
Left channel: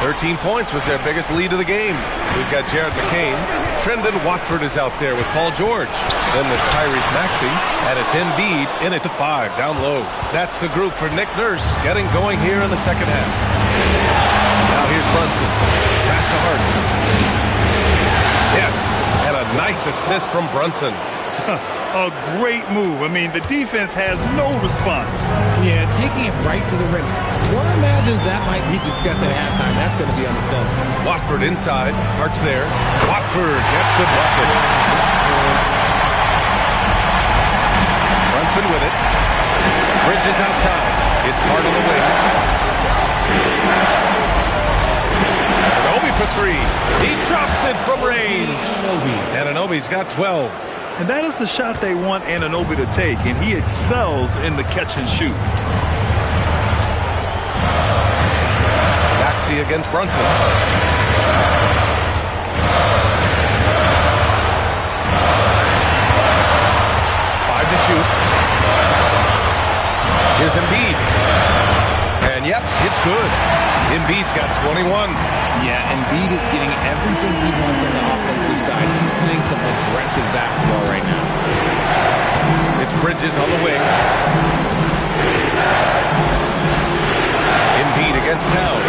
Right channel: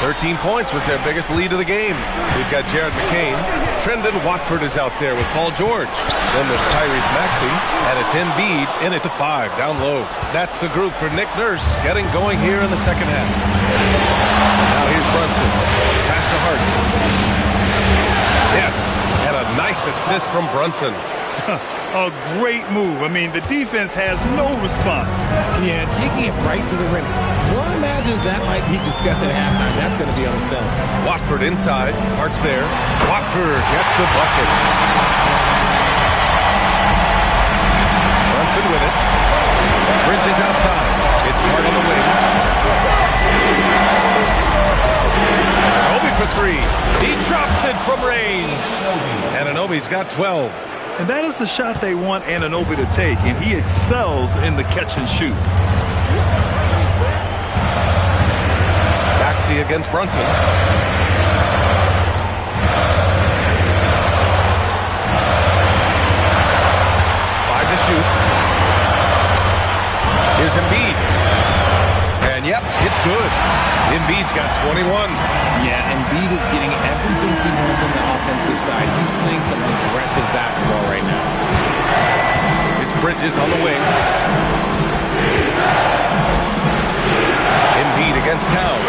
13 points was their biggest lead of the game. We've got Jared McCain. Trendon Watford is out there with Paul George. Then there's Tyrese Maxey. And it's Embiid in at the 5, down low. That's the group for Nick Nurse getting going here in the second half. Now here's Brunson. Pass to Harden. Yes, and a nice assist from Brunson. A great move. I mean, the defense has no response. Yeah, taking it right to the rim. One imagines that might be discussed at halftime. That's going to be on the film. Watford inside. Hart's there. Watford gets the bucket. Brunson with it. Bridges outside. It's Hart on the wing. Anunoby for three. He drops it from range. Anunoby's got 12. And that is the shot they want Anunoby to take, and he excels in the catch and shoot. Maxey against Brunson. 5 to shoot. Here's Embiid. And yep, it's good. Embiid's got 21. Yeah, Embiid is getting everything he wants on the offensive side. He's playing some aggressive basketball right now. It's Bridges on the wing. Embiid against Towns.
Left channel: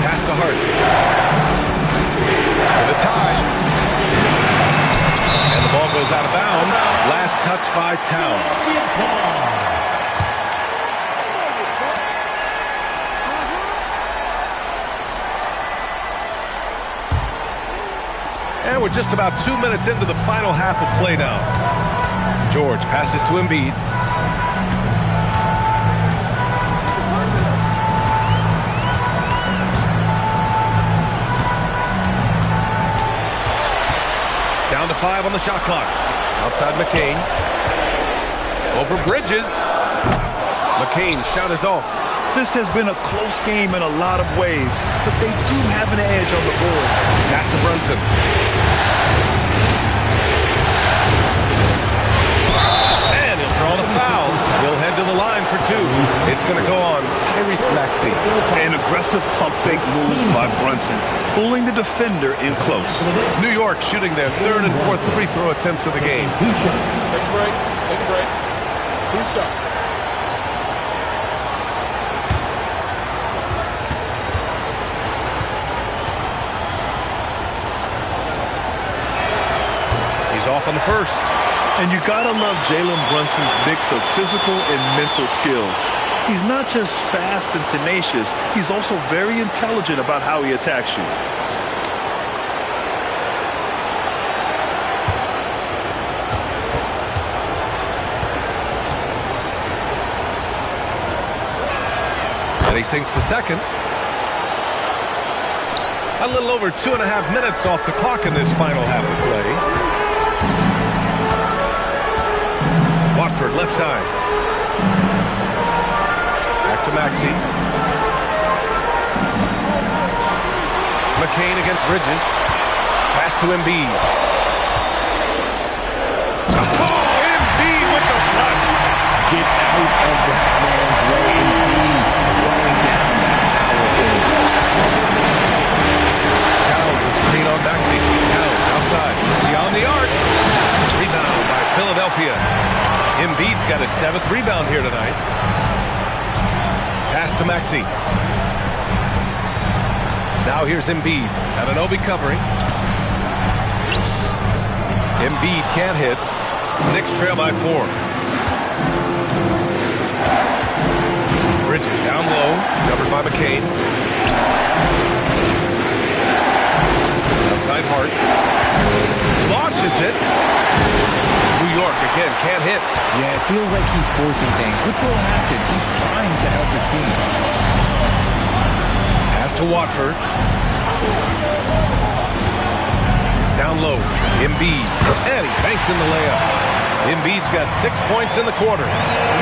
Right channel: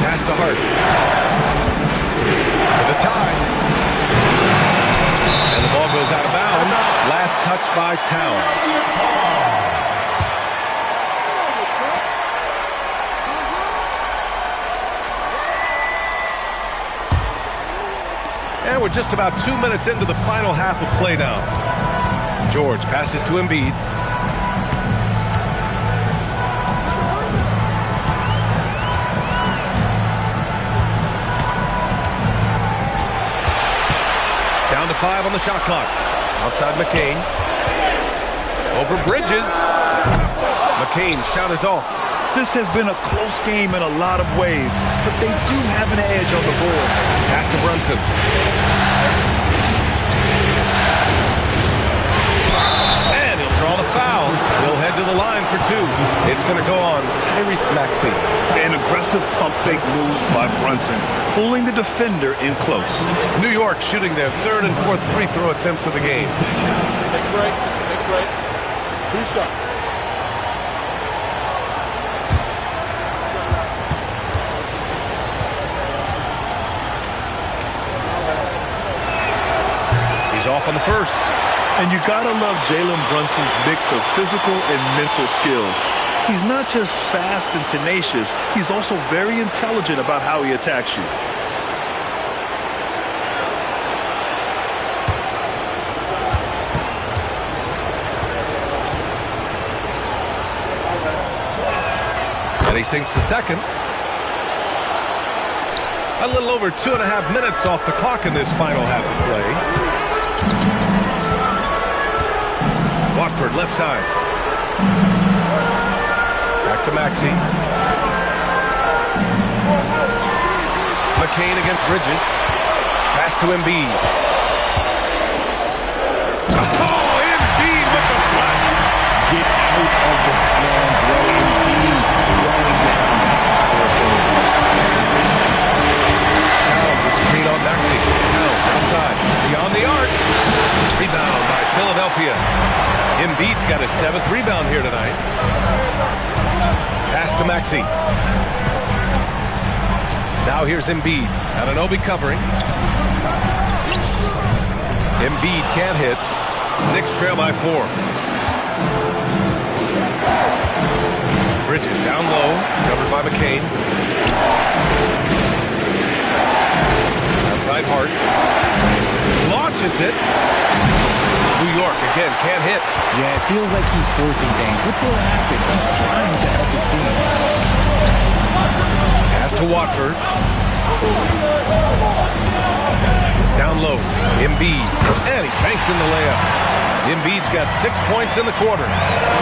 Pass to Hart. For the tie. And the ball goes out of bounds. Last touch by Towns. And we're just about 2 minutes into the final half of play now. George passes to Embiid. Down to 5 on the shot clock. Outside McCain. Over Bridges. McCain's shot is off. This has been a close game in a lot of ways, but they do have an edge on the board. Pass to Brunson. And he'll draw the foul. He'll head to the line for 2. It's going to go on Tyrese Maxey. An aggressive pump fake move by Brunson, pulling the defender in close. New York shooting their 3rd and 4th free throw attempts of the game. Take a break. Take a break. 2 shots. He's off on the first. And you gotta love Jalen Brunson's mix of physical and mental skills. He's not just fast and tenacious, he's also very intelligent about how he attacks you. And he sinks the second. A little over 2.5 minutes off the clock in this final half of play. Watford left side. Back to Maxey. McCain against Bridges. Pass to Embiid. Oh, Embiid with the flush. Get out of that man's way. Embiid throwing down that power forward. Towns a screen on Maxey. Towns outside. Beyond the arc. Rebound by Philadelphia. Embiid's got his 7th rebound here tonight. Pass to Maxey. Now here's Embiid. Anunoby covering. Embiid can't hit. Knicks trail by 4. Bridges down low. Covered by McCain. Outside Hart. Launches it. New York again can't hit. Yeah, it feels like he's forcing things, which will happen. He's trying to help his team. Pass to Watford. Down low. Embiid. And he banks in the layup. Embiid's got 6 points in the quarter.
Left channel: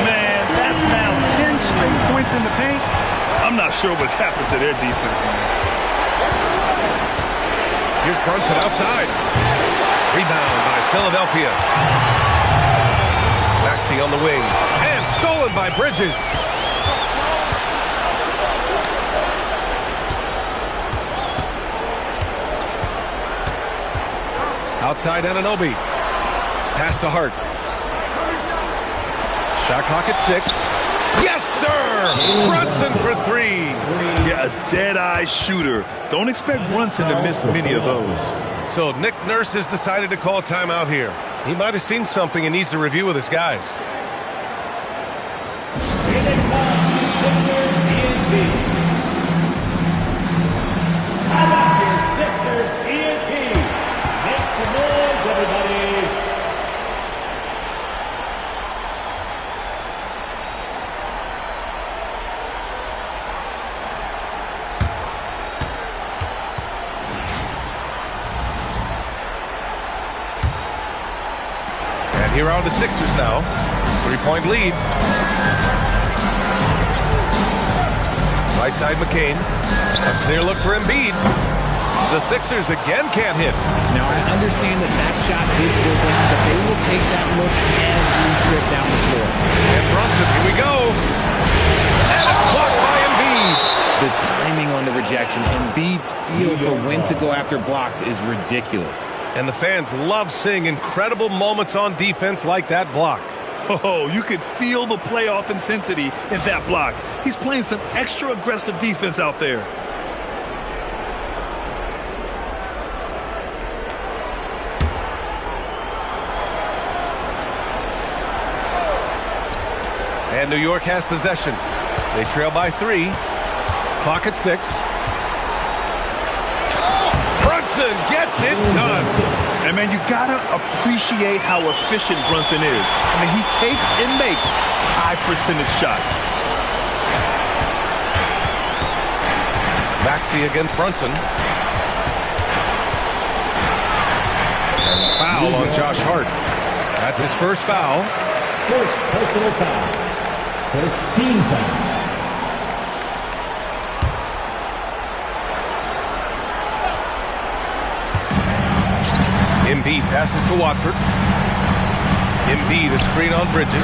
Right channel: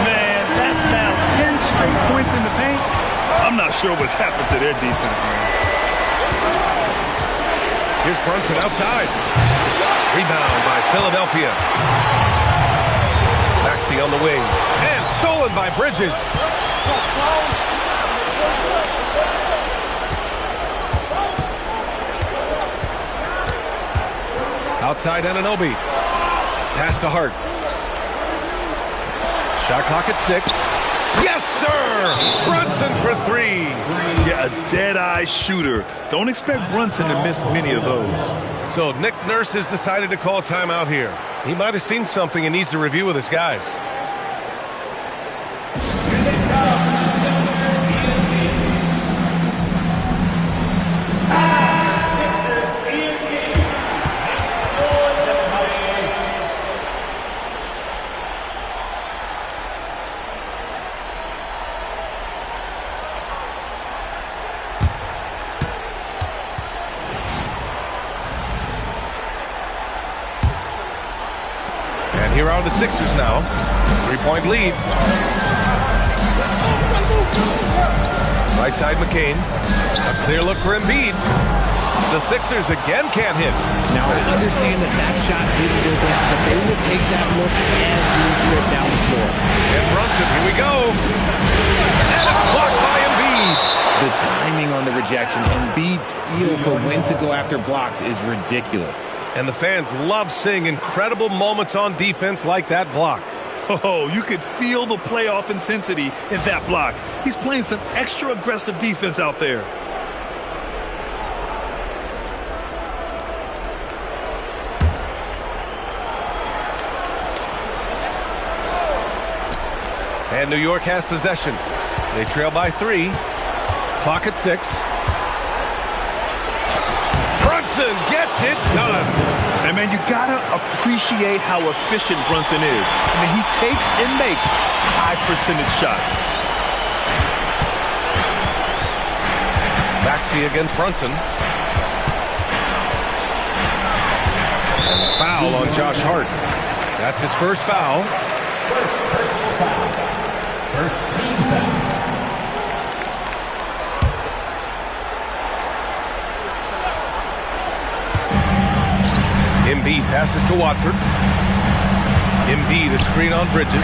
Man, that's now 10 straight points in the paint. I'm not sure what's happened to their defense, man. Here's Brunson outside. Rebound by Philadelphia. Maxey on the wing. And stolen by Bridges. Outside Anunoby. Pass to Hart. Shot clock at 6. Yes, sir! Brunson for 3. Yeah, a dead-eye shooter. Don't expect Brunson to miss many of those. So Nick Nurse has decided to call timeout here. He might have seen something and needs to review with his guys. Here are the Sixers now. 3-point lead. Right side McCain. A clear look for Embiid. The Sixers again can't hit. Now, I understand that shot did go down, but they will take that look every trip down the floor. And Brunson, here we go. And it's blocked by Embiid. The timing on the rejection, Embiid's feel for when to go after blocks is ridiculous. And the fans love seeing incredible moments on defense like that block. Oh, you could feel the playoff intensity in that block. He's playing some extra aggressive defense out there. And New York has possession. They trail by 3. Clock at 6. Brunson gets it done. And, man, you got to appreciate how efficient Brunson is. I mean, he takes and makes high-percentage shots. Maxey against Brunson. And a foul on Josh Hart. That's his first foul. First personal foul. First team foul. Embiid passes to Watford. Embiid, a screen on Bridges.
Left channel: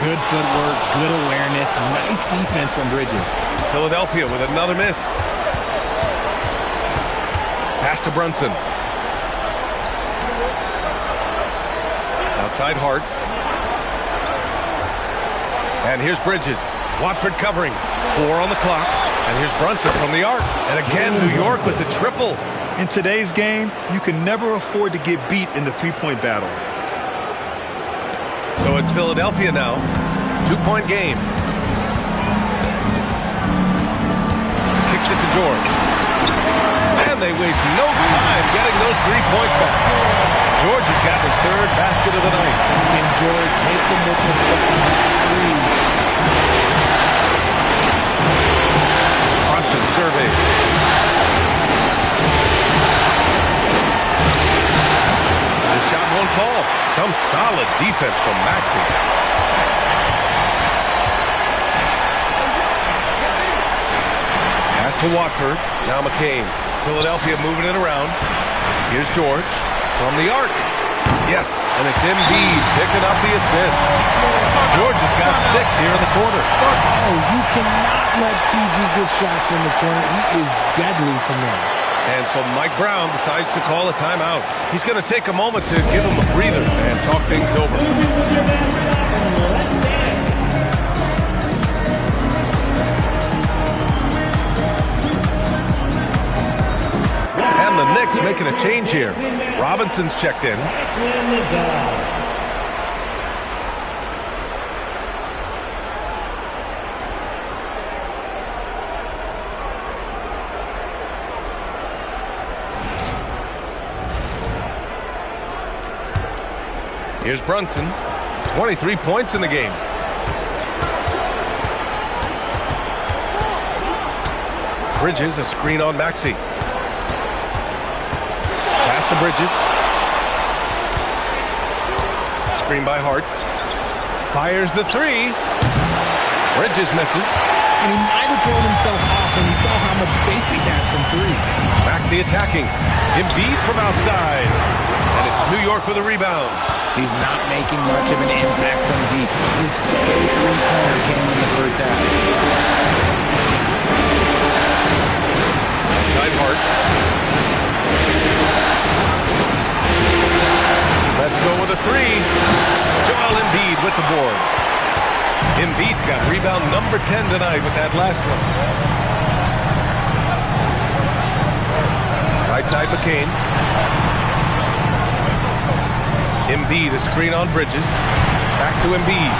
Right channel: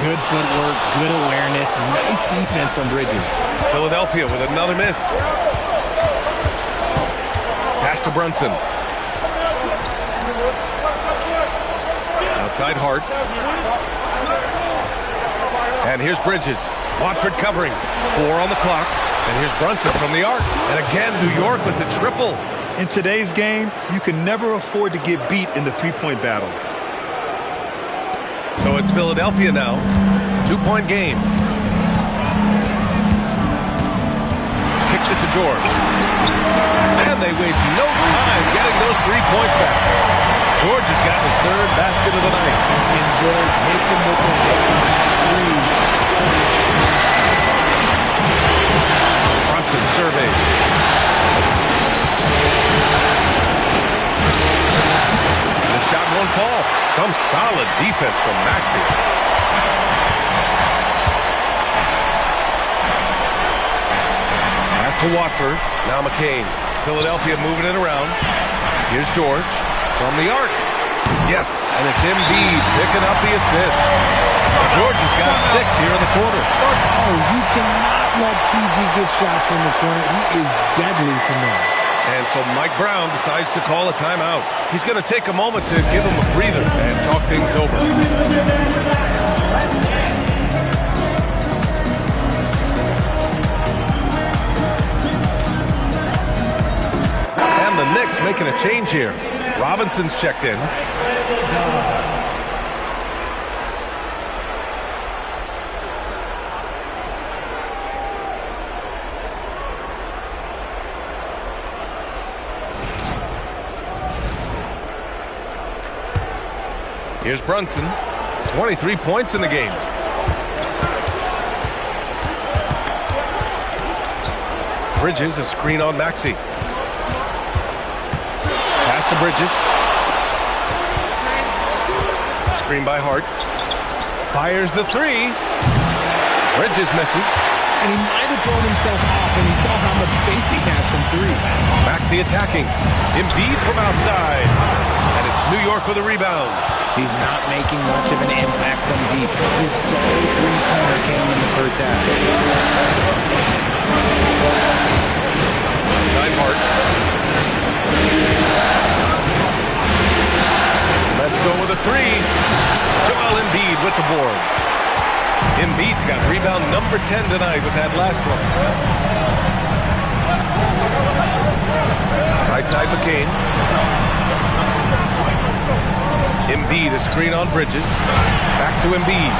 Good footwork, good awareness, nice defense from Bridges. Philadelphia with another miss. Pass to Brunson. Outside Hart. And here's Bridges. Watford covering. 4 on the clock. And here's Brunson from the arc. And again, New York with the triple. In today's game, you can never afford to get beat in the three-point battle. So it's Philadelphia now. 2-point game. Kicks it to George. And they waste no time getting those 3 points back. George has got his 3rd basket of the night. And George hits him with the 3. Brunson surveys. The shot won't fall. Some solid defense from Maxey. Pass to Watford. Now McCain. Philadelphia moving it around. Here's George from the arc. Yes, and it's Embiid picking up the assist. George has got 6 here in the quarter. Oh, you cannot let PG get shots from the corner. He is deadly from there. And so Mike Brown decides to call a timeout. He's going to take a moment to give him a breather and talk things over. And the Knicks making a change here. Robinson's checked in. Here's Brunson. 23 points in the game. Bridges, a screen on Maxey. Pass to Bridges. Screen by Hart. Fires the 3. Bridges misses. And he might have thrown himself off when he saw how much space he had from 3. Maxey attacking. Embiid from outside. And it's New York with a rebound. He's not making much of an impact from deep. His solo 3-pointer came in the first half. Outside Hart. Let's go with a 3. Joel Embiid with the board. Embiid's got rebound number 10 tonight with that last one. Right side McCain. Embiid, a screen on Bridges. Back to Embiid.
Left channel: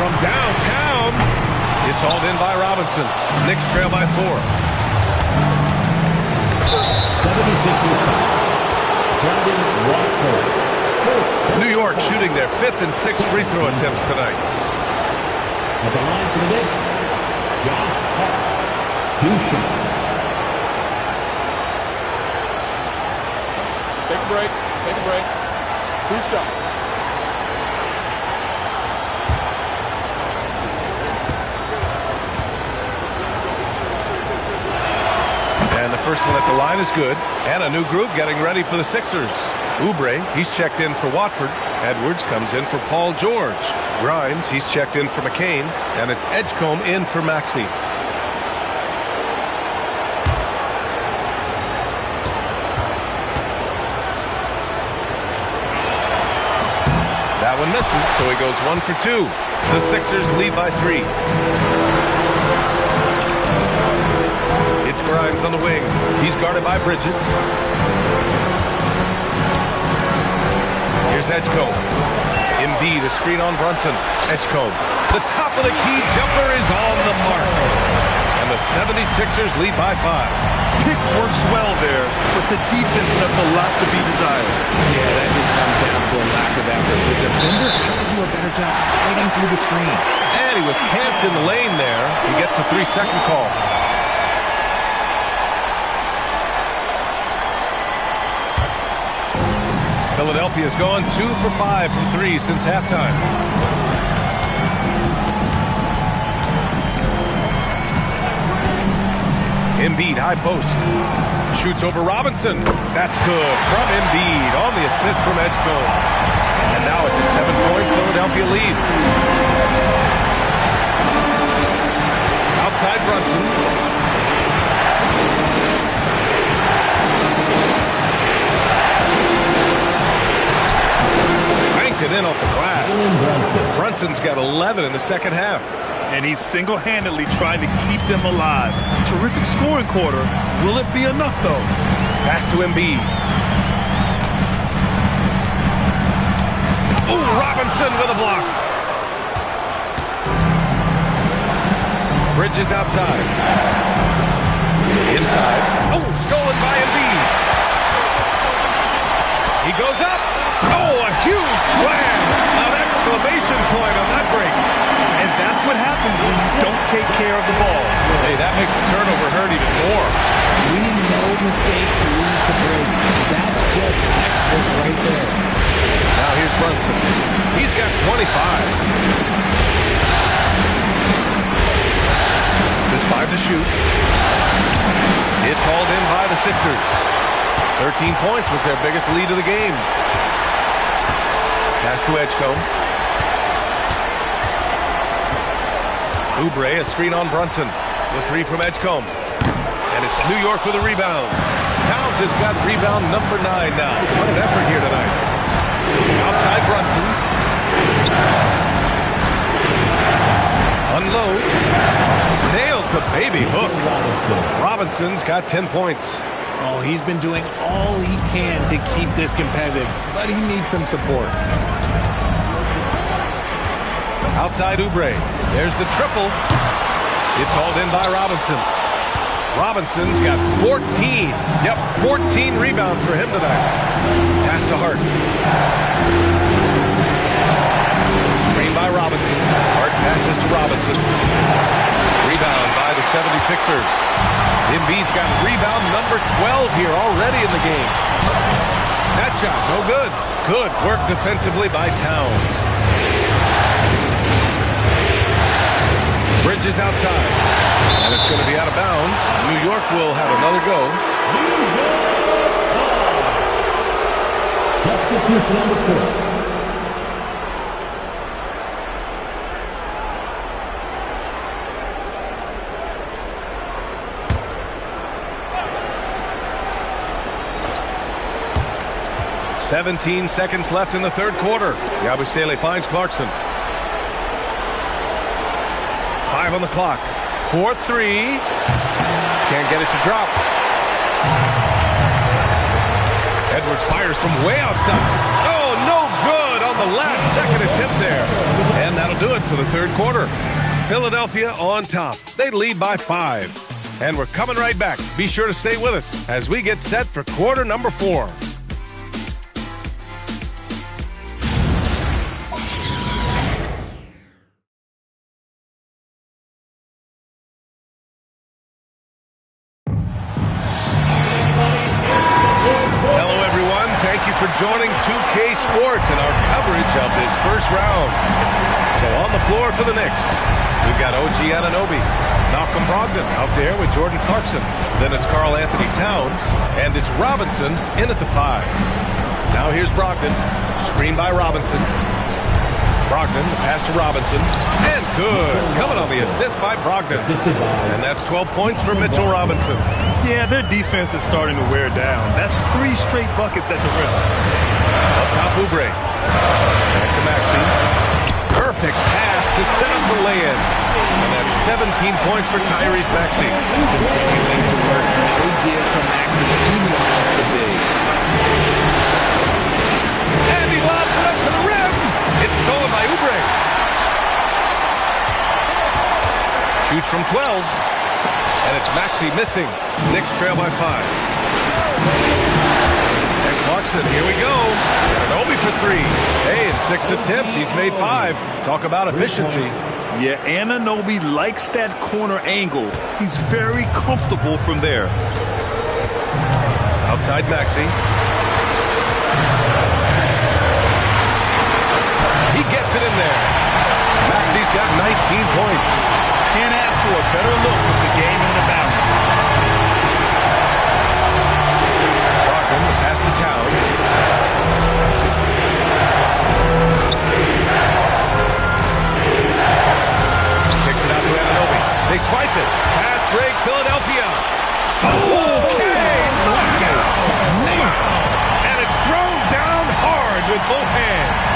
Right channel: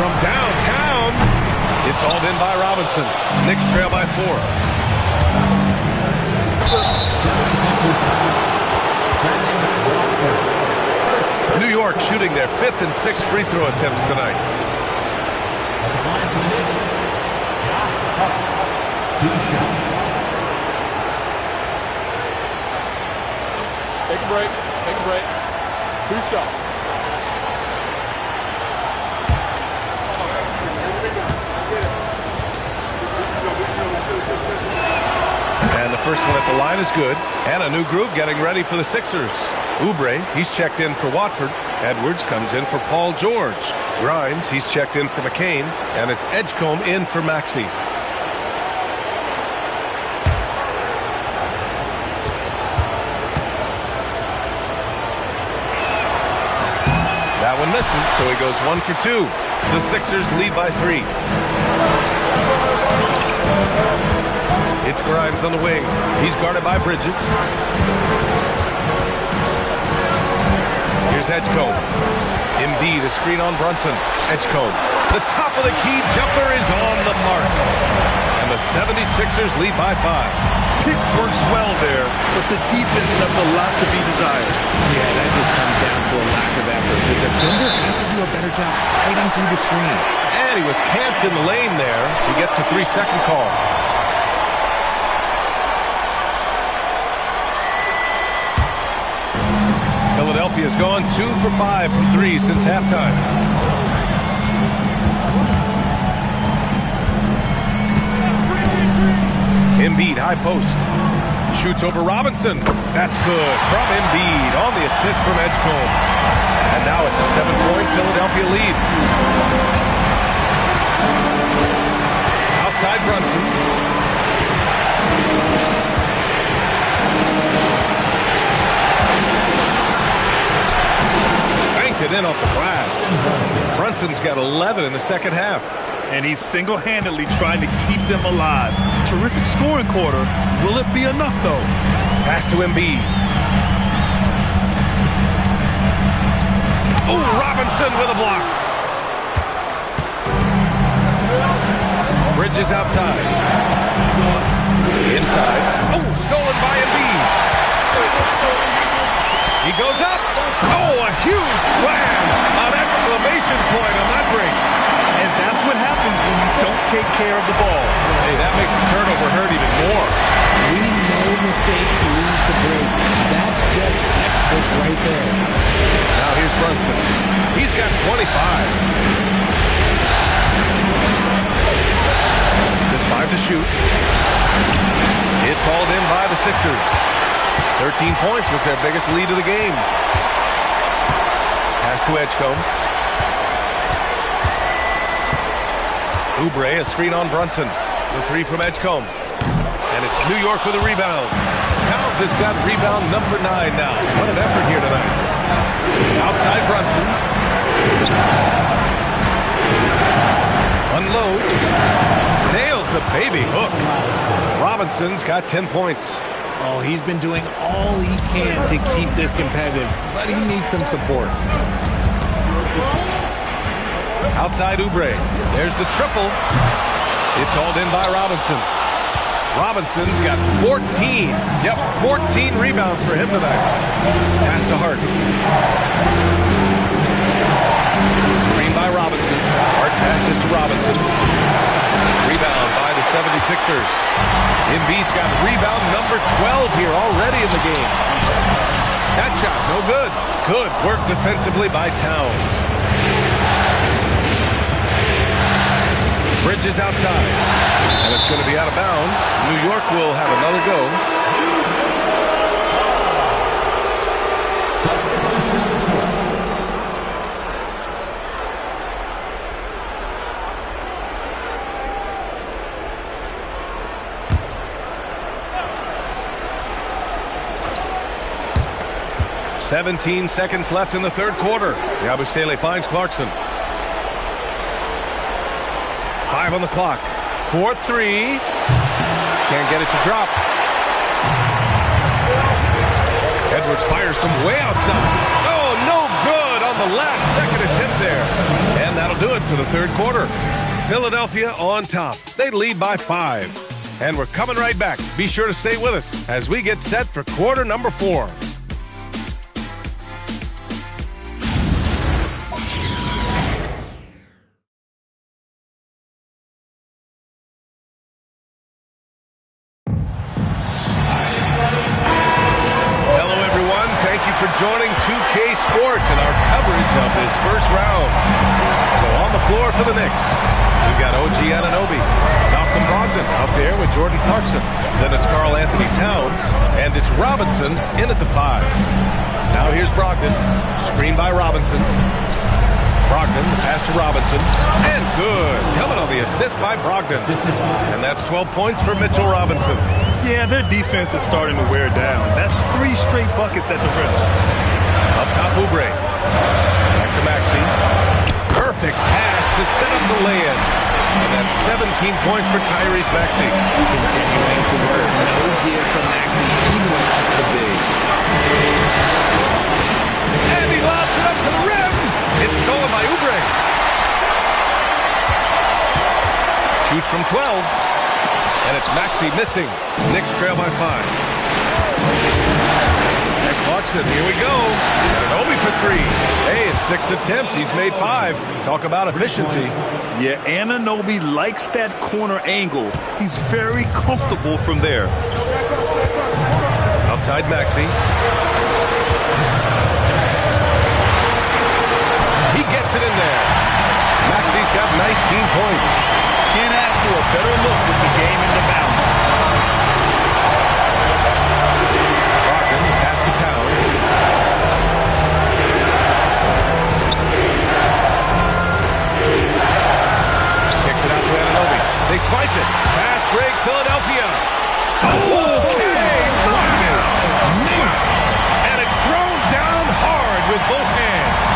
From downtown. It's hauled in by Robinson. Knicks trail by 4. New York shooting their 5th and 6th free throw attempts tonight. At the line for the Knicks, Josh Hart. 2 shots. Take a break. 2 shots. first one at the line is good. And a new group getting ready for the Sixers. Oubre, he's checked in for Watford. Edwards comes in for Paul George. Grimes, he's checked in for McCain. And it's Edgecombe in for Maxey. That one misses, so he goes 1 for 2. The Sixers lead by 3. It's Grimes on the wing. He's guarded by Bridges. Here's Edgecombe. Embiid, a screen on Brunson. Edgecombe. The top of the key jumper is on the mark. And the 76ers lead by 5. Pick works well there, but the defense left a lot to be desired. Yeah, that just comes down to a lack of effort. The defender has to do a better job fighting through the screen. And he was camped in the lane there. He gets a 3-second call. Philadelphia's gone 2 for 5 from 3 since halftime. Embiid, high post. Shoots over Robinson. That's good from Embiid on the assist from Edgecombe. And now it's a 7-point Philadelphia lead. Outside Brunson. It in off the glass. Brunson's got 11 in the second half. And he's single-handedly trying to keep them alive. Terrific scoring quarter. Will it be enough, though? Pass to Embiid. Oh, Robinson with a block. Bridges outside. Inside. Oh, stolen by Embiid. He goes up. Oh, a huge slam. An exclamation point on that break. And that's what happens when you don't take care of the ball. Hey, that makes the turnover hurt even more. We know mistakes lead to breaks. That's just textbook right there. Now here's Brunson. He's got 25. Just 5 to shoot. It's hauled in by the Sixers. 13 points was their biggest lead of the game. Pass to Edgecombe. Oubre, a screen on Brunson. The 3 from Edgecombe. And it's New York with a rebound. Towns has got rebound number 9 now. What an effort here tonight. Outside Brunson. Unloads. Nails the baby hook. Robinson's got 10 points. Oh, he's been doing all he can to keep this competitive, but he needs some support. Outside Oubre. There's the triple. It's hauled in by Robinson. Robinson's got 14. Yep, 14 rebounds for him tonight. Pass to Hart. Screen by Robinson. Hart passes to Robinson. Rebound by the 76ers. Embiid's got rebound number 12 here already in the game. That shot, no good. Good work defensively by Towns. Bridges outside. And it's going to be out of bounds. New York will have another go. Substitution on the court. "17 seconds left in the third quarter. Yabusele finds Clarkson. 5 on the clock. 4-3. Can't get it to drop. Edwards fires from way outside. Oh, no good on the last second attempt there. And that'll do it for the third quarter. Philadelphia on top. They lead by 5. And we're coming right back. Be sure to stay with us as we get set for quarter number 4. Thank you for joining 2K Sports and our coverage of this first round. So on the floor for the Knicks, We've got OG Anunoby. Malcolm Brogdon out there with Jordan Clarkson. Then it's Karl Anthony Towns. And it's Robinson in at the 5. Now here's Brogdon. Screen by Robinson. Brogdon, the pass to Robinson. And good. Coming on the assist by Brogdon. And that's 12 points for Mitchell Robinson. Yeah, their defense is starting to wear down. That's 3 straight buckets at the rim. Up top, Oubre. Back to Maxey. Perfect pass to set up the lay-in. And that's 17 points for Tyrese Maxey. Continuing to work. No give from Maxey, even amongst the big. And he lobs it up to the rim. It's stolen by Oubre. Shoots from 12. And it's Maxey missing. Knicks trail by 5. And Clarkson, here we go. Anunoby for 3. Hey, in 6 attempts, he's made 5. Talk about efficiency. Yeah, Anunoby likes that corner angle. He's very comfortable from there. Outside Maxey. He gets it in there. Maxey's got 19 points. Can't ask for a better look with the game in the balance. Brogdon, the pass to Towns. Kicks it out to Anunoby. They swipe it. Pass break, Philadelphia. Okay, knockout. Wow. And it's thrown down hard with both hands.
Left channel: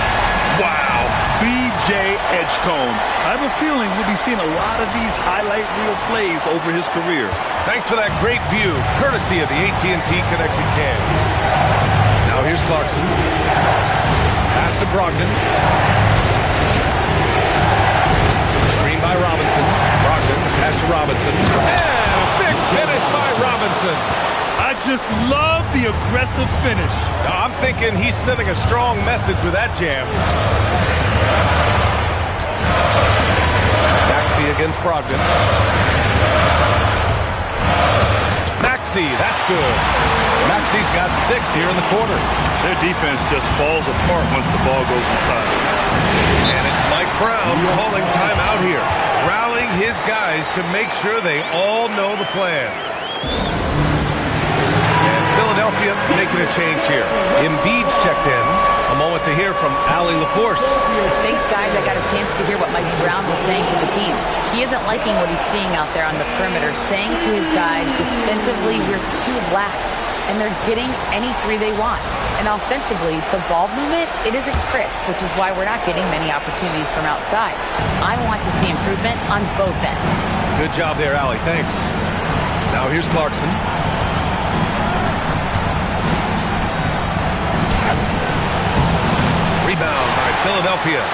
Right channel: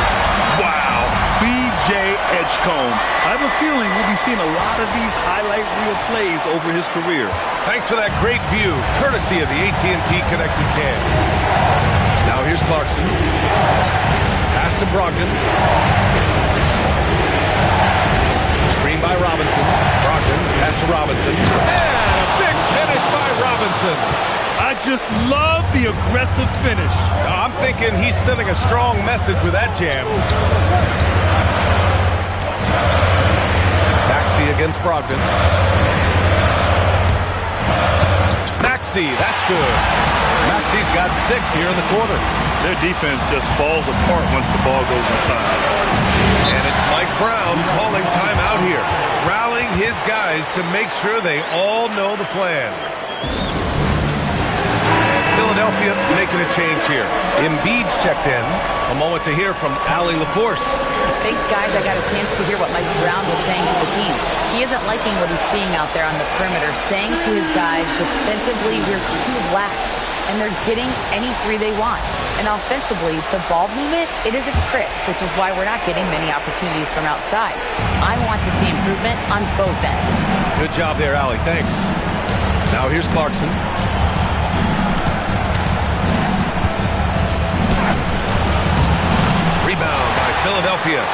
Wow, B.J. Edgecombe. I have a feeling we'll be seeing a lot of these highlight reel plays over his career. Thanks for that great view, courtesy of the AT&T Connected Cam. Now here's Clarkson. Pass to Brogdon. Screen by Robinson. Brogdon, pass to Robinson. And a big finish by Robinson. I just love the aggressive finish. I'm thinking he's sending a strong message with that jam. Maxey against Brogdon. Maxey, that's good. Maxey's got 6 here in the quarter. Their defense just falls apart once the ball goes inside. And it's Mike Brown calling timeout here, rallying his guys to make sure they all know the plan. And Philadelphia making a change here. Embiid's checked in. A moment to hear from Allie LaForce. Thanks, guys. I got a chance to hear what Mike Brown was saying to the team. He isn't liking what he's seeing out there on the perimeter, saying to his guys, defensively, we're too lax, and they're getting any 3 they want. And offensively, the ball movement, it isn't crisp, which is why we're not getting many opportunities from outside. I want to see improvement on both ends. Good job there, Allie. Thanks. Now here's Clarkson. Rebound by Philadelphia.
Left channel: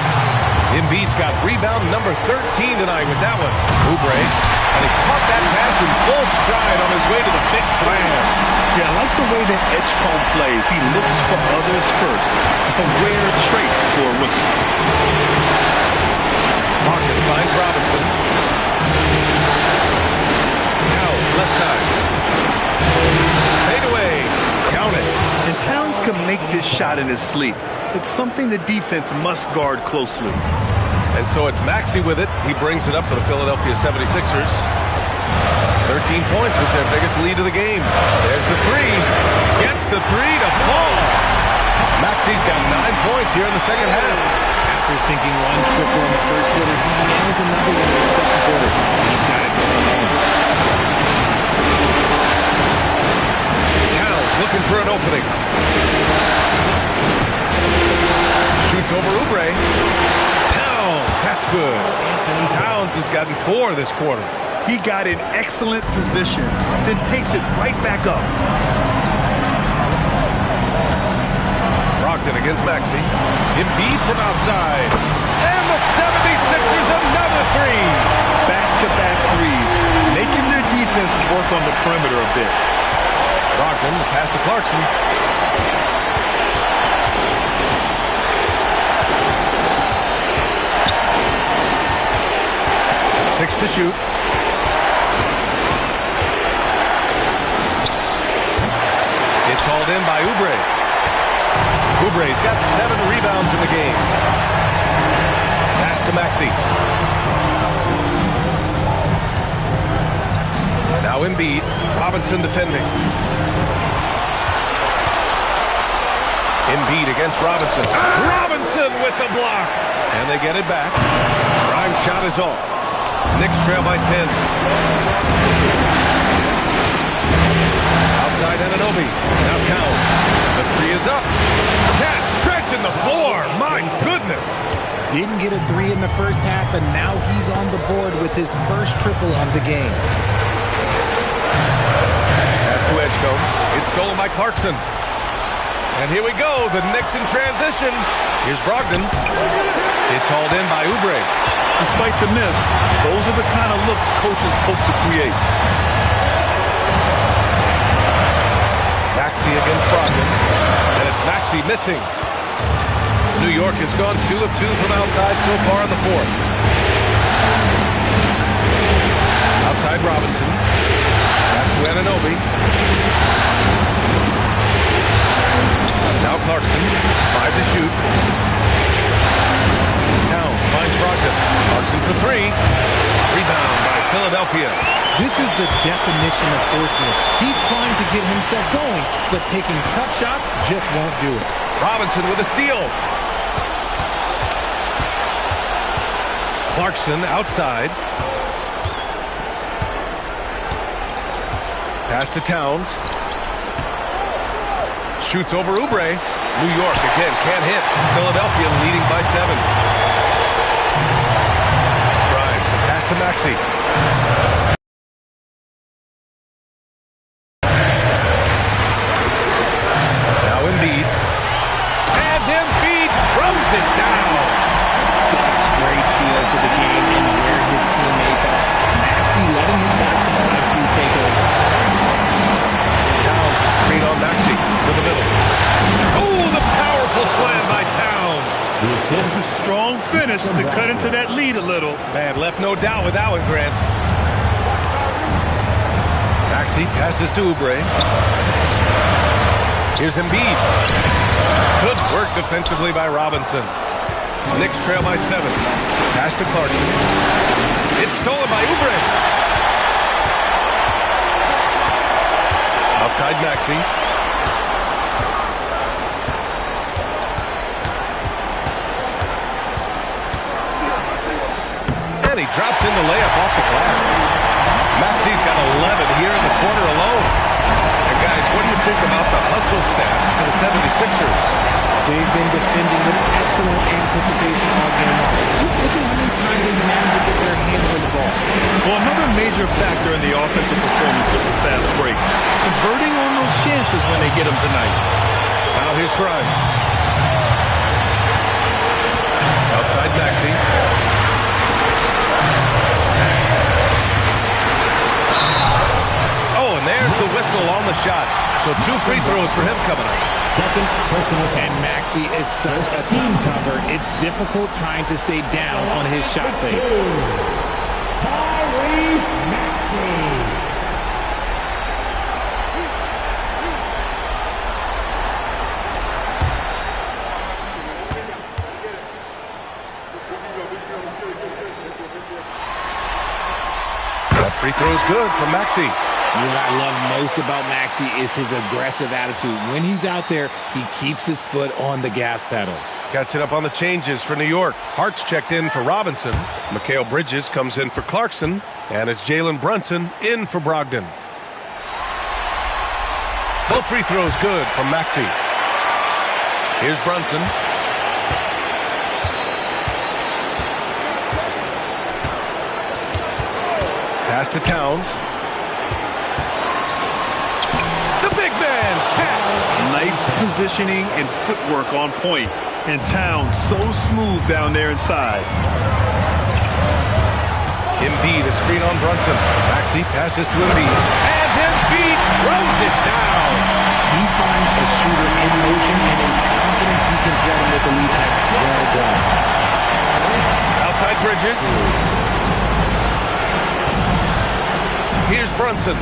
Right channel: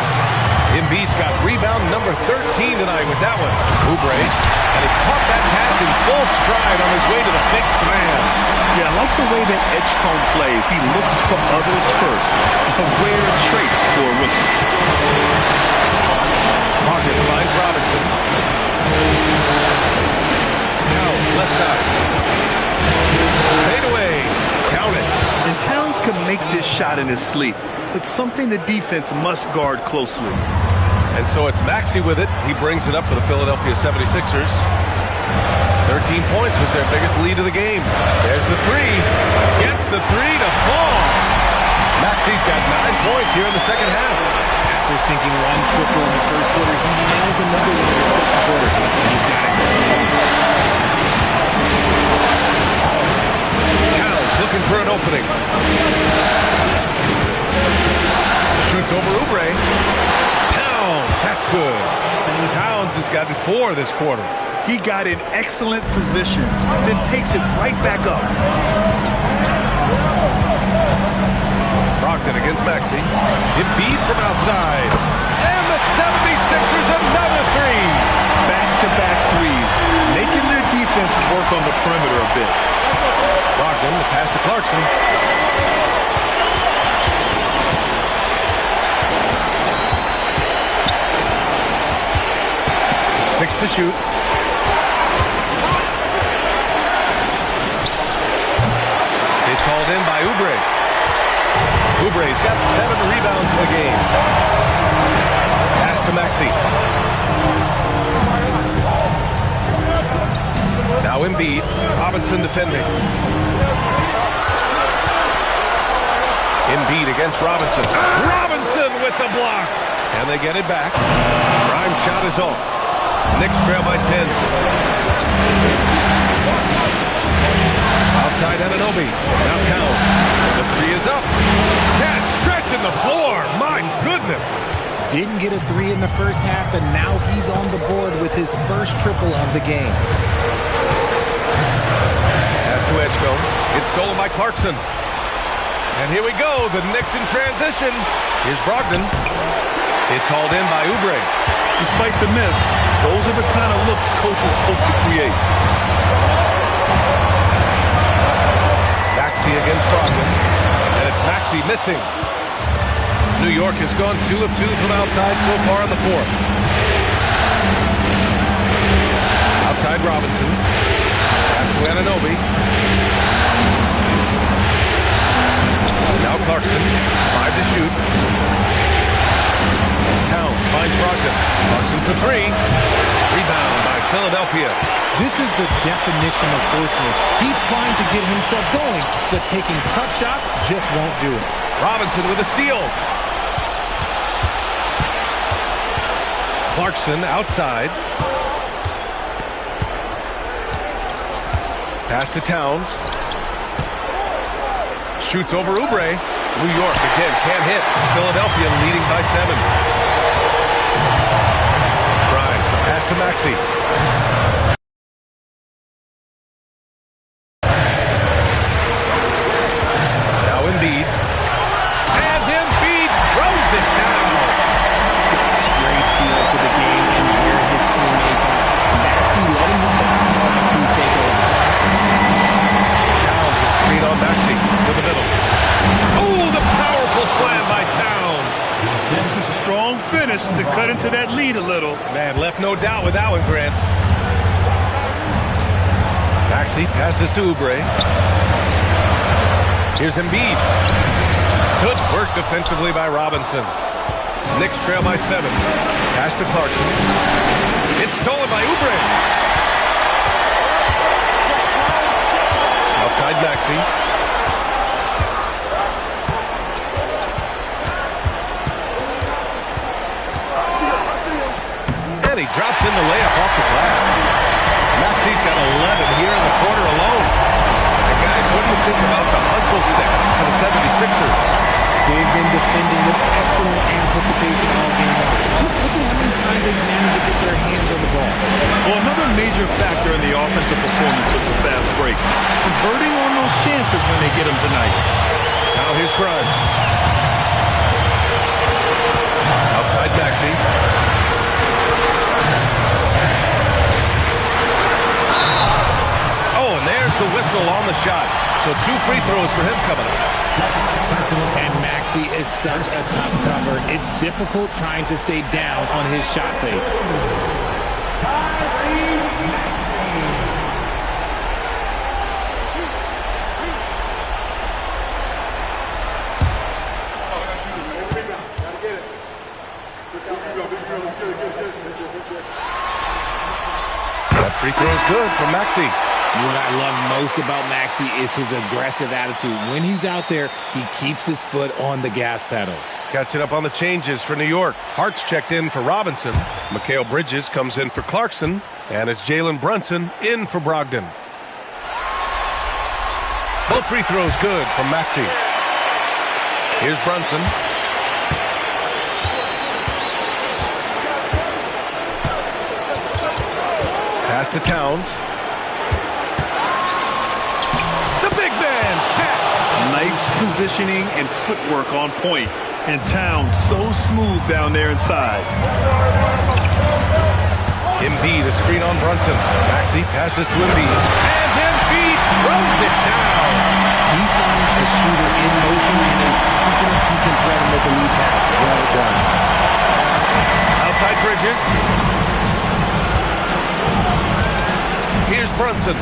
Embiid's got rebound number 13 tonight with that one. Oubre, and he caught that pass in full stride on his way to the big slam. Yeah, I like the way that Edgecombe plays. He looks for others first. A rare trait for a rookie. Pocket finds Robinson. Towns, left side. Fade away. Count it. And Towns can make this shot in his sleep. It's something the defense must guard closely. And so it's Maxey with it. He brings it up for the Philadelphia 76ers. 13 points was their biggest lead of the game. There's the 3. Gets the 3 to fall. Maxey's got 9 points here in the second half. After sinking 1 triple in the first quarter, he nails another one in the second quarter. He's got it going on. Towns looking for an opening. Shoots over Oubre. Towns, that's good. Towns has gotten 4 this quarter. He got in excellent position, then takes it right back up. Brogdon against Maxey. Embiid from outside. And the 76ers another 3. Back-to-back threes, making their defense work on the perimeter a bit. Brogdon, the pass to Clarkson. Six to shoot. It's hauled in by Oubre. Oubre's got 7 rebounds in the game. Pass to Maxey. Now Embiid. Robinson defending. Embiid against Robinson. Robinson with the block. And they get it back. Grimes' shot is off. Knicks trail by 10. Outside Anunoby. Now Towns. The three is up. Cat stretching the floor. My goodness. Didn't get a three in the first half, but now he's on the board with his first triple of the game. Pass to Edgecombe. It's stolen by Clarkson. And here we go. The Knicks in transition. Here's Brogdon. It's hauled in by Oubre. Despite the miss, those are the kind of looks coaches hope to create. Maxey against Brogdon. And it's Maxey missing. New York has gone 2 of 2 from outside so far in the fourth. Outside Robinson. Pass to Anunoby. Now Clarkson. 5 to shoot. Towns finds Brogdon. Clarkson for 3. Rebound by Philadelphia. This is the definition of forcing it. He's trying to get himself going, but taking tough shots just won't do it. Robinson with a steal. Clarkson outside. Pass to Towns. Shoots over Oubre. New York again can't hit. Philadelphia leading by 7. Grimes, the pass to Maxey. Now Embiid. And Embiid throws it down. Such great feel for the game and where his teammates are. Maxey letting his basketball IQ take over. Towns is screen on Maxey to the middle. Oh, the powerful slam by Towns. Strong finish to cut into that lead a little. Man, left no doubt with that one, Grant. Maxey passes to Oubre. Here's Embiid. Good work defensively by Robinson. Knicks trail by 7. Pass to Clarkson. It's stolen by Oubre. Outside Maxey. And he drops in the layup off the glass. Maxey's got 11 here in the quarter alone. And guys, what do you think about the hustle stats for the 76ers? They've been defending with excellent anticipation all game long. Just look at how many times they've managed to get their hands on the ball. Well, another major factor in the offensive performance was the fast break. Converting on those chances when they get them tonight. Now here's Grimes. Outside Maxey. Oh, and there's the whistle on the shot. So 2 free throws for him coming up. And Maxey is such a tough cover. It's difficult trying to stay down on his shot fake. That free throw is good from Maxey. What I love most about Maxey is his aggressive attitude. When he's out there, he keeps his foot on the gas pedal. Catching up on the changes for New York. Hart's checked in for Robinson. Mikal Bridges comes in for Clarkson. And it's Jalen Brunson in for Brogdon. Both free throws good from Maxey. Here's Brunson. Pass to Towns. The big man, Cat. Nice positioning and footwork on point. And Towns so smooth down there inside. Embiid, a screen on Brunson. Maxey passes to Embiid. And Embiid throws it down. He finds a shooter in motion and is confident he can thread him with the lead pass. Well done. Outside Bridges. Here's Brunson.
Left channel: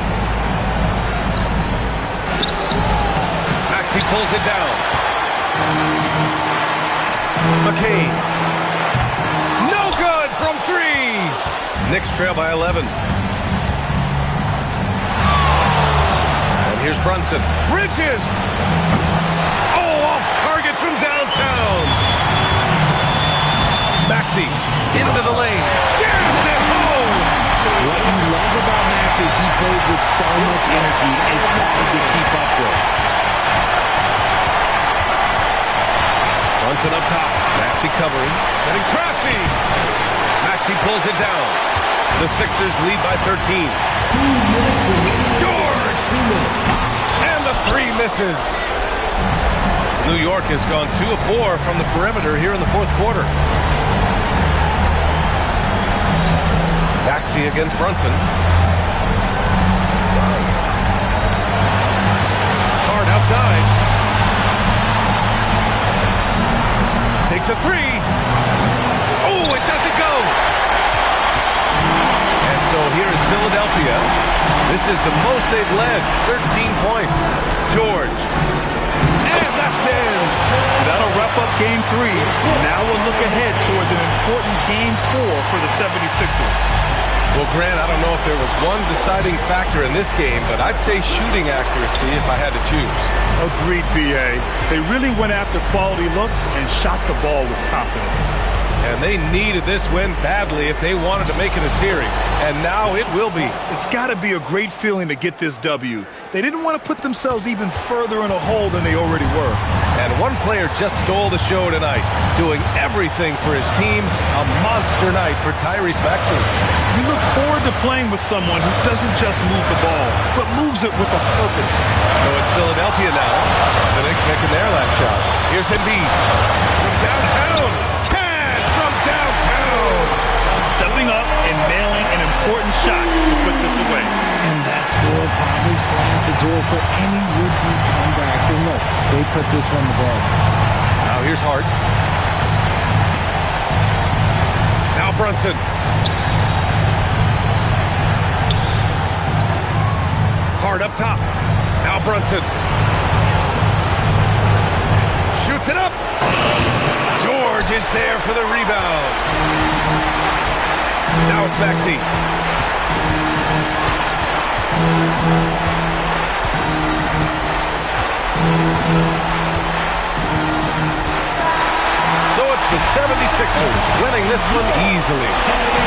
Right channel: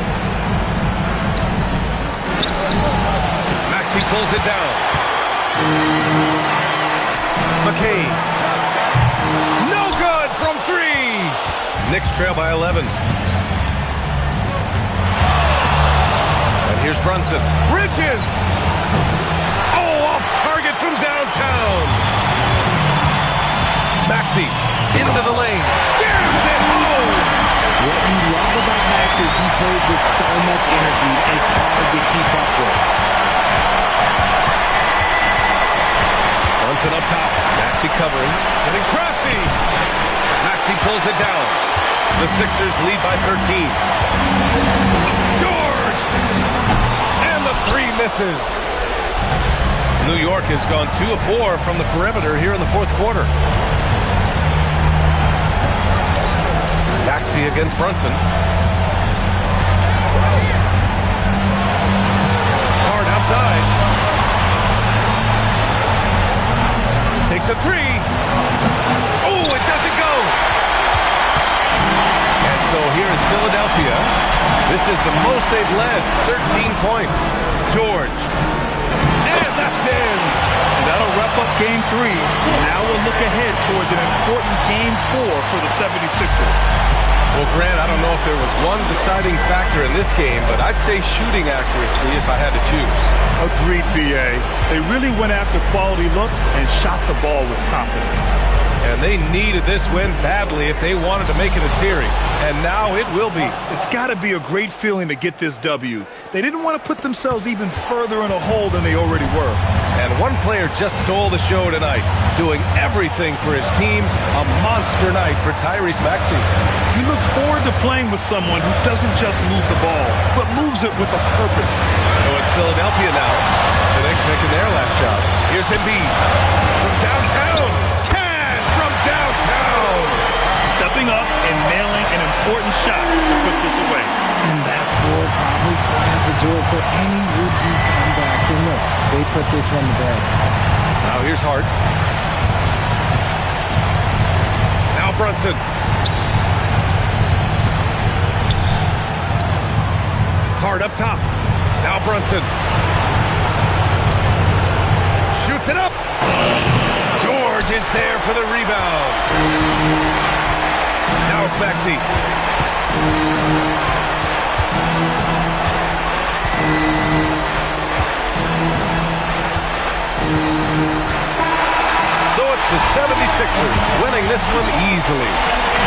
Maxey pulls it down. McCain. No good from 3. Knicks trail by 11. here's Brunson. Bridges! Oh, off target from downtown. Maxey into the lane. Jams it home! What you love about Max is he plays with so much energy, it's hard to keep up with. Brunson up top. Maxey covering. Getting crafty. Maxey pulls it down. The Sixers lead by 13. George! And the three misses. New York has gone 2 of 4 from the perimeter here in the fourth quarter. Maxey against Brunson. Hard outside. Takes a three. Oh, it doesn't go. And so here is Philadelphia. This is the most they've led, 13 points. George. And that's in. That'll wrap up Game 3. Now we'll look ahead towards an important Game 4 for the 76ers. Well, Grant, I don't know if there was one deciding factor in this game, but I'd say shooting accuracy if I had to choose. Agreed, B.A. They really went after quality looks and shot the ball with confidence. And they needed this win badly if they wanted to make it a series. And now it will be. It's got to be a great feeling to get this W. They didn't want to put themselves even further in a hole than they already were. And one player just stole the show tonight, doing everything for his team. A monster night for Tyrese Maxey. You look forward to playing with someone who doesn't just move the ball, but moves it with a purpose. So it's Philadelphia now. The Knicks making their last shot. Here's Embiid from downtown. Cash from downtown. Stepping up and nailing an important shot to put this away. And that score probably slams the door for any would-be comebacks. And look, they put this one to bed. Now here's Hart. Now Brunson. Hart up top. Now Brunson. Shoots it up. George is there for the rebound. Now it's Maxey. So it's the 76ers winning this one easily.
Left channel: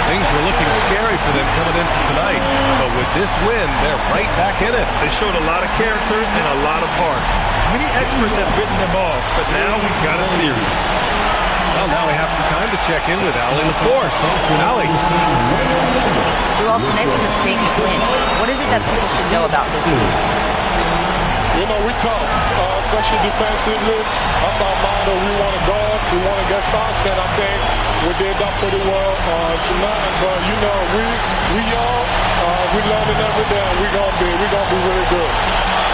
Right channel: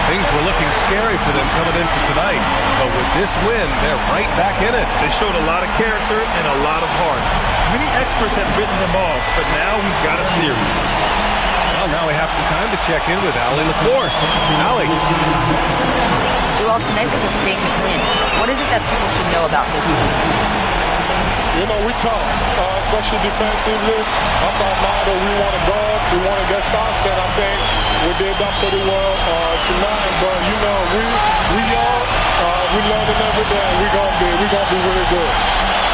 Things were looking scary for them coming into tonight, but with this win, they're right back in it. They showed a lot of character and a lot of heart. Many experts have written them off, but now we've got a series. Well, now we have some time to check in with Allie LaForce. Allie. Joel, tonight was a statement win. What is it that people should know about this team? You know, we tough, especially defensively. That's our motto. We want to guard, we want to get stops, and I think we did that pretty well tonight. But you know, we young, we learning every day. We're gonna be really good.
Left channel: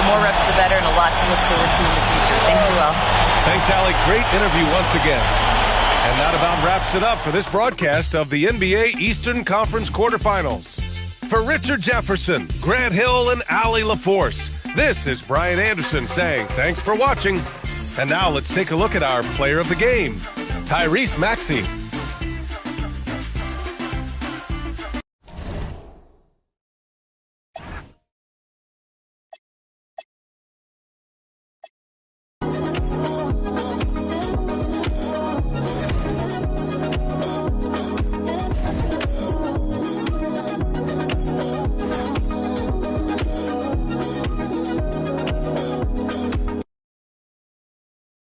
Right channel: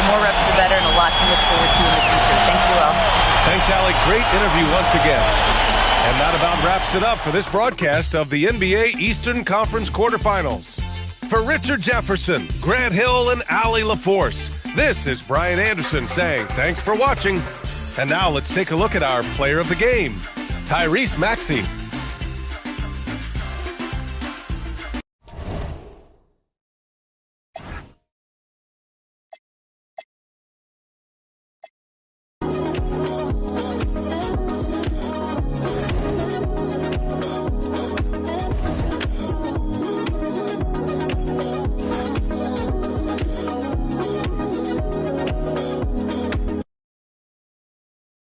The more reps, the better, and a lot to look forward to in the future. Thanks, Joel. Thanks, Allie. Great interview once again. And that about wraps it up for this broadcast of the NBA Eastern Conference quarterfinals. For Richard Jefferson, Grant Hill, and Allie LaForce, this is Brian Anderson saying thanks for watching. And now let's take a look at our player of the game, Tyrese Maxey.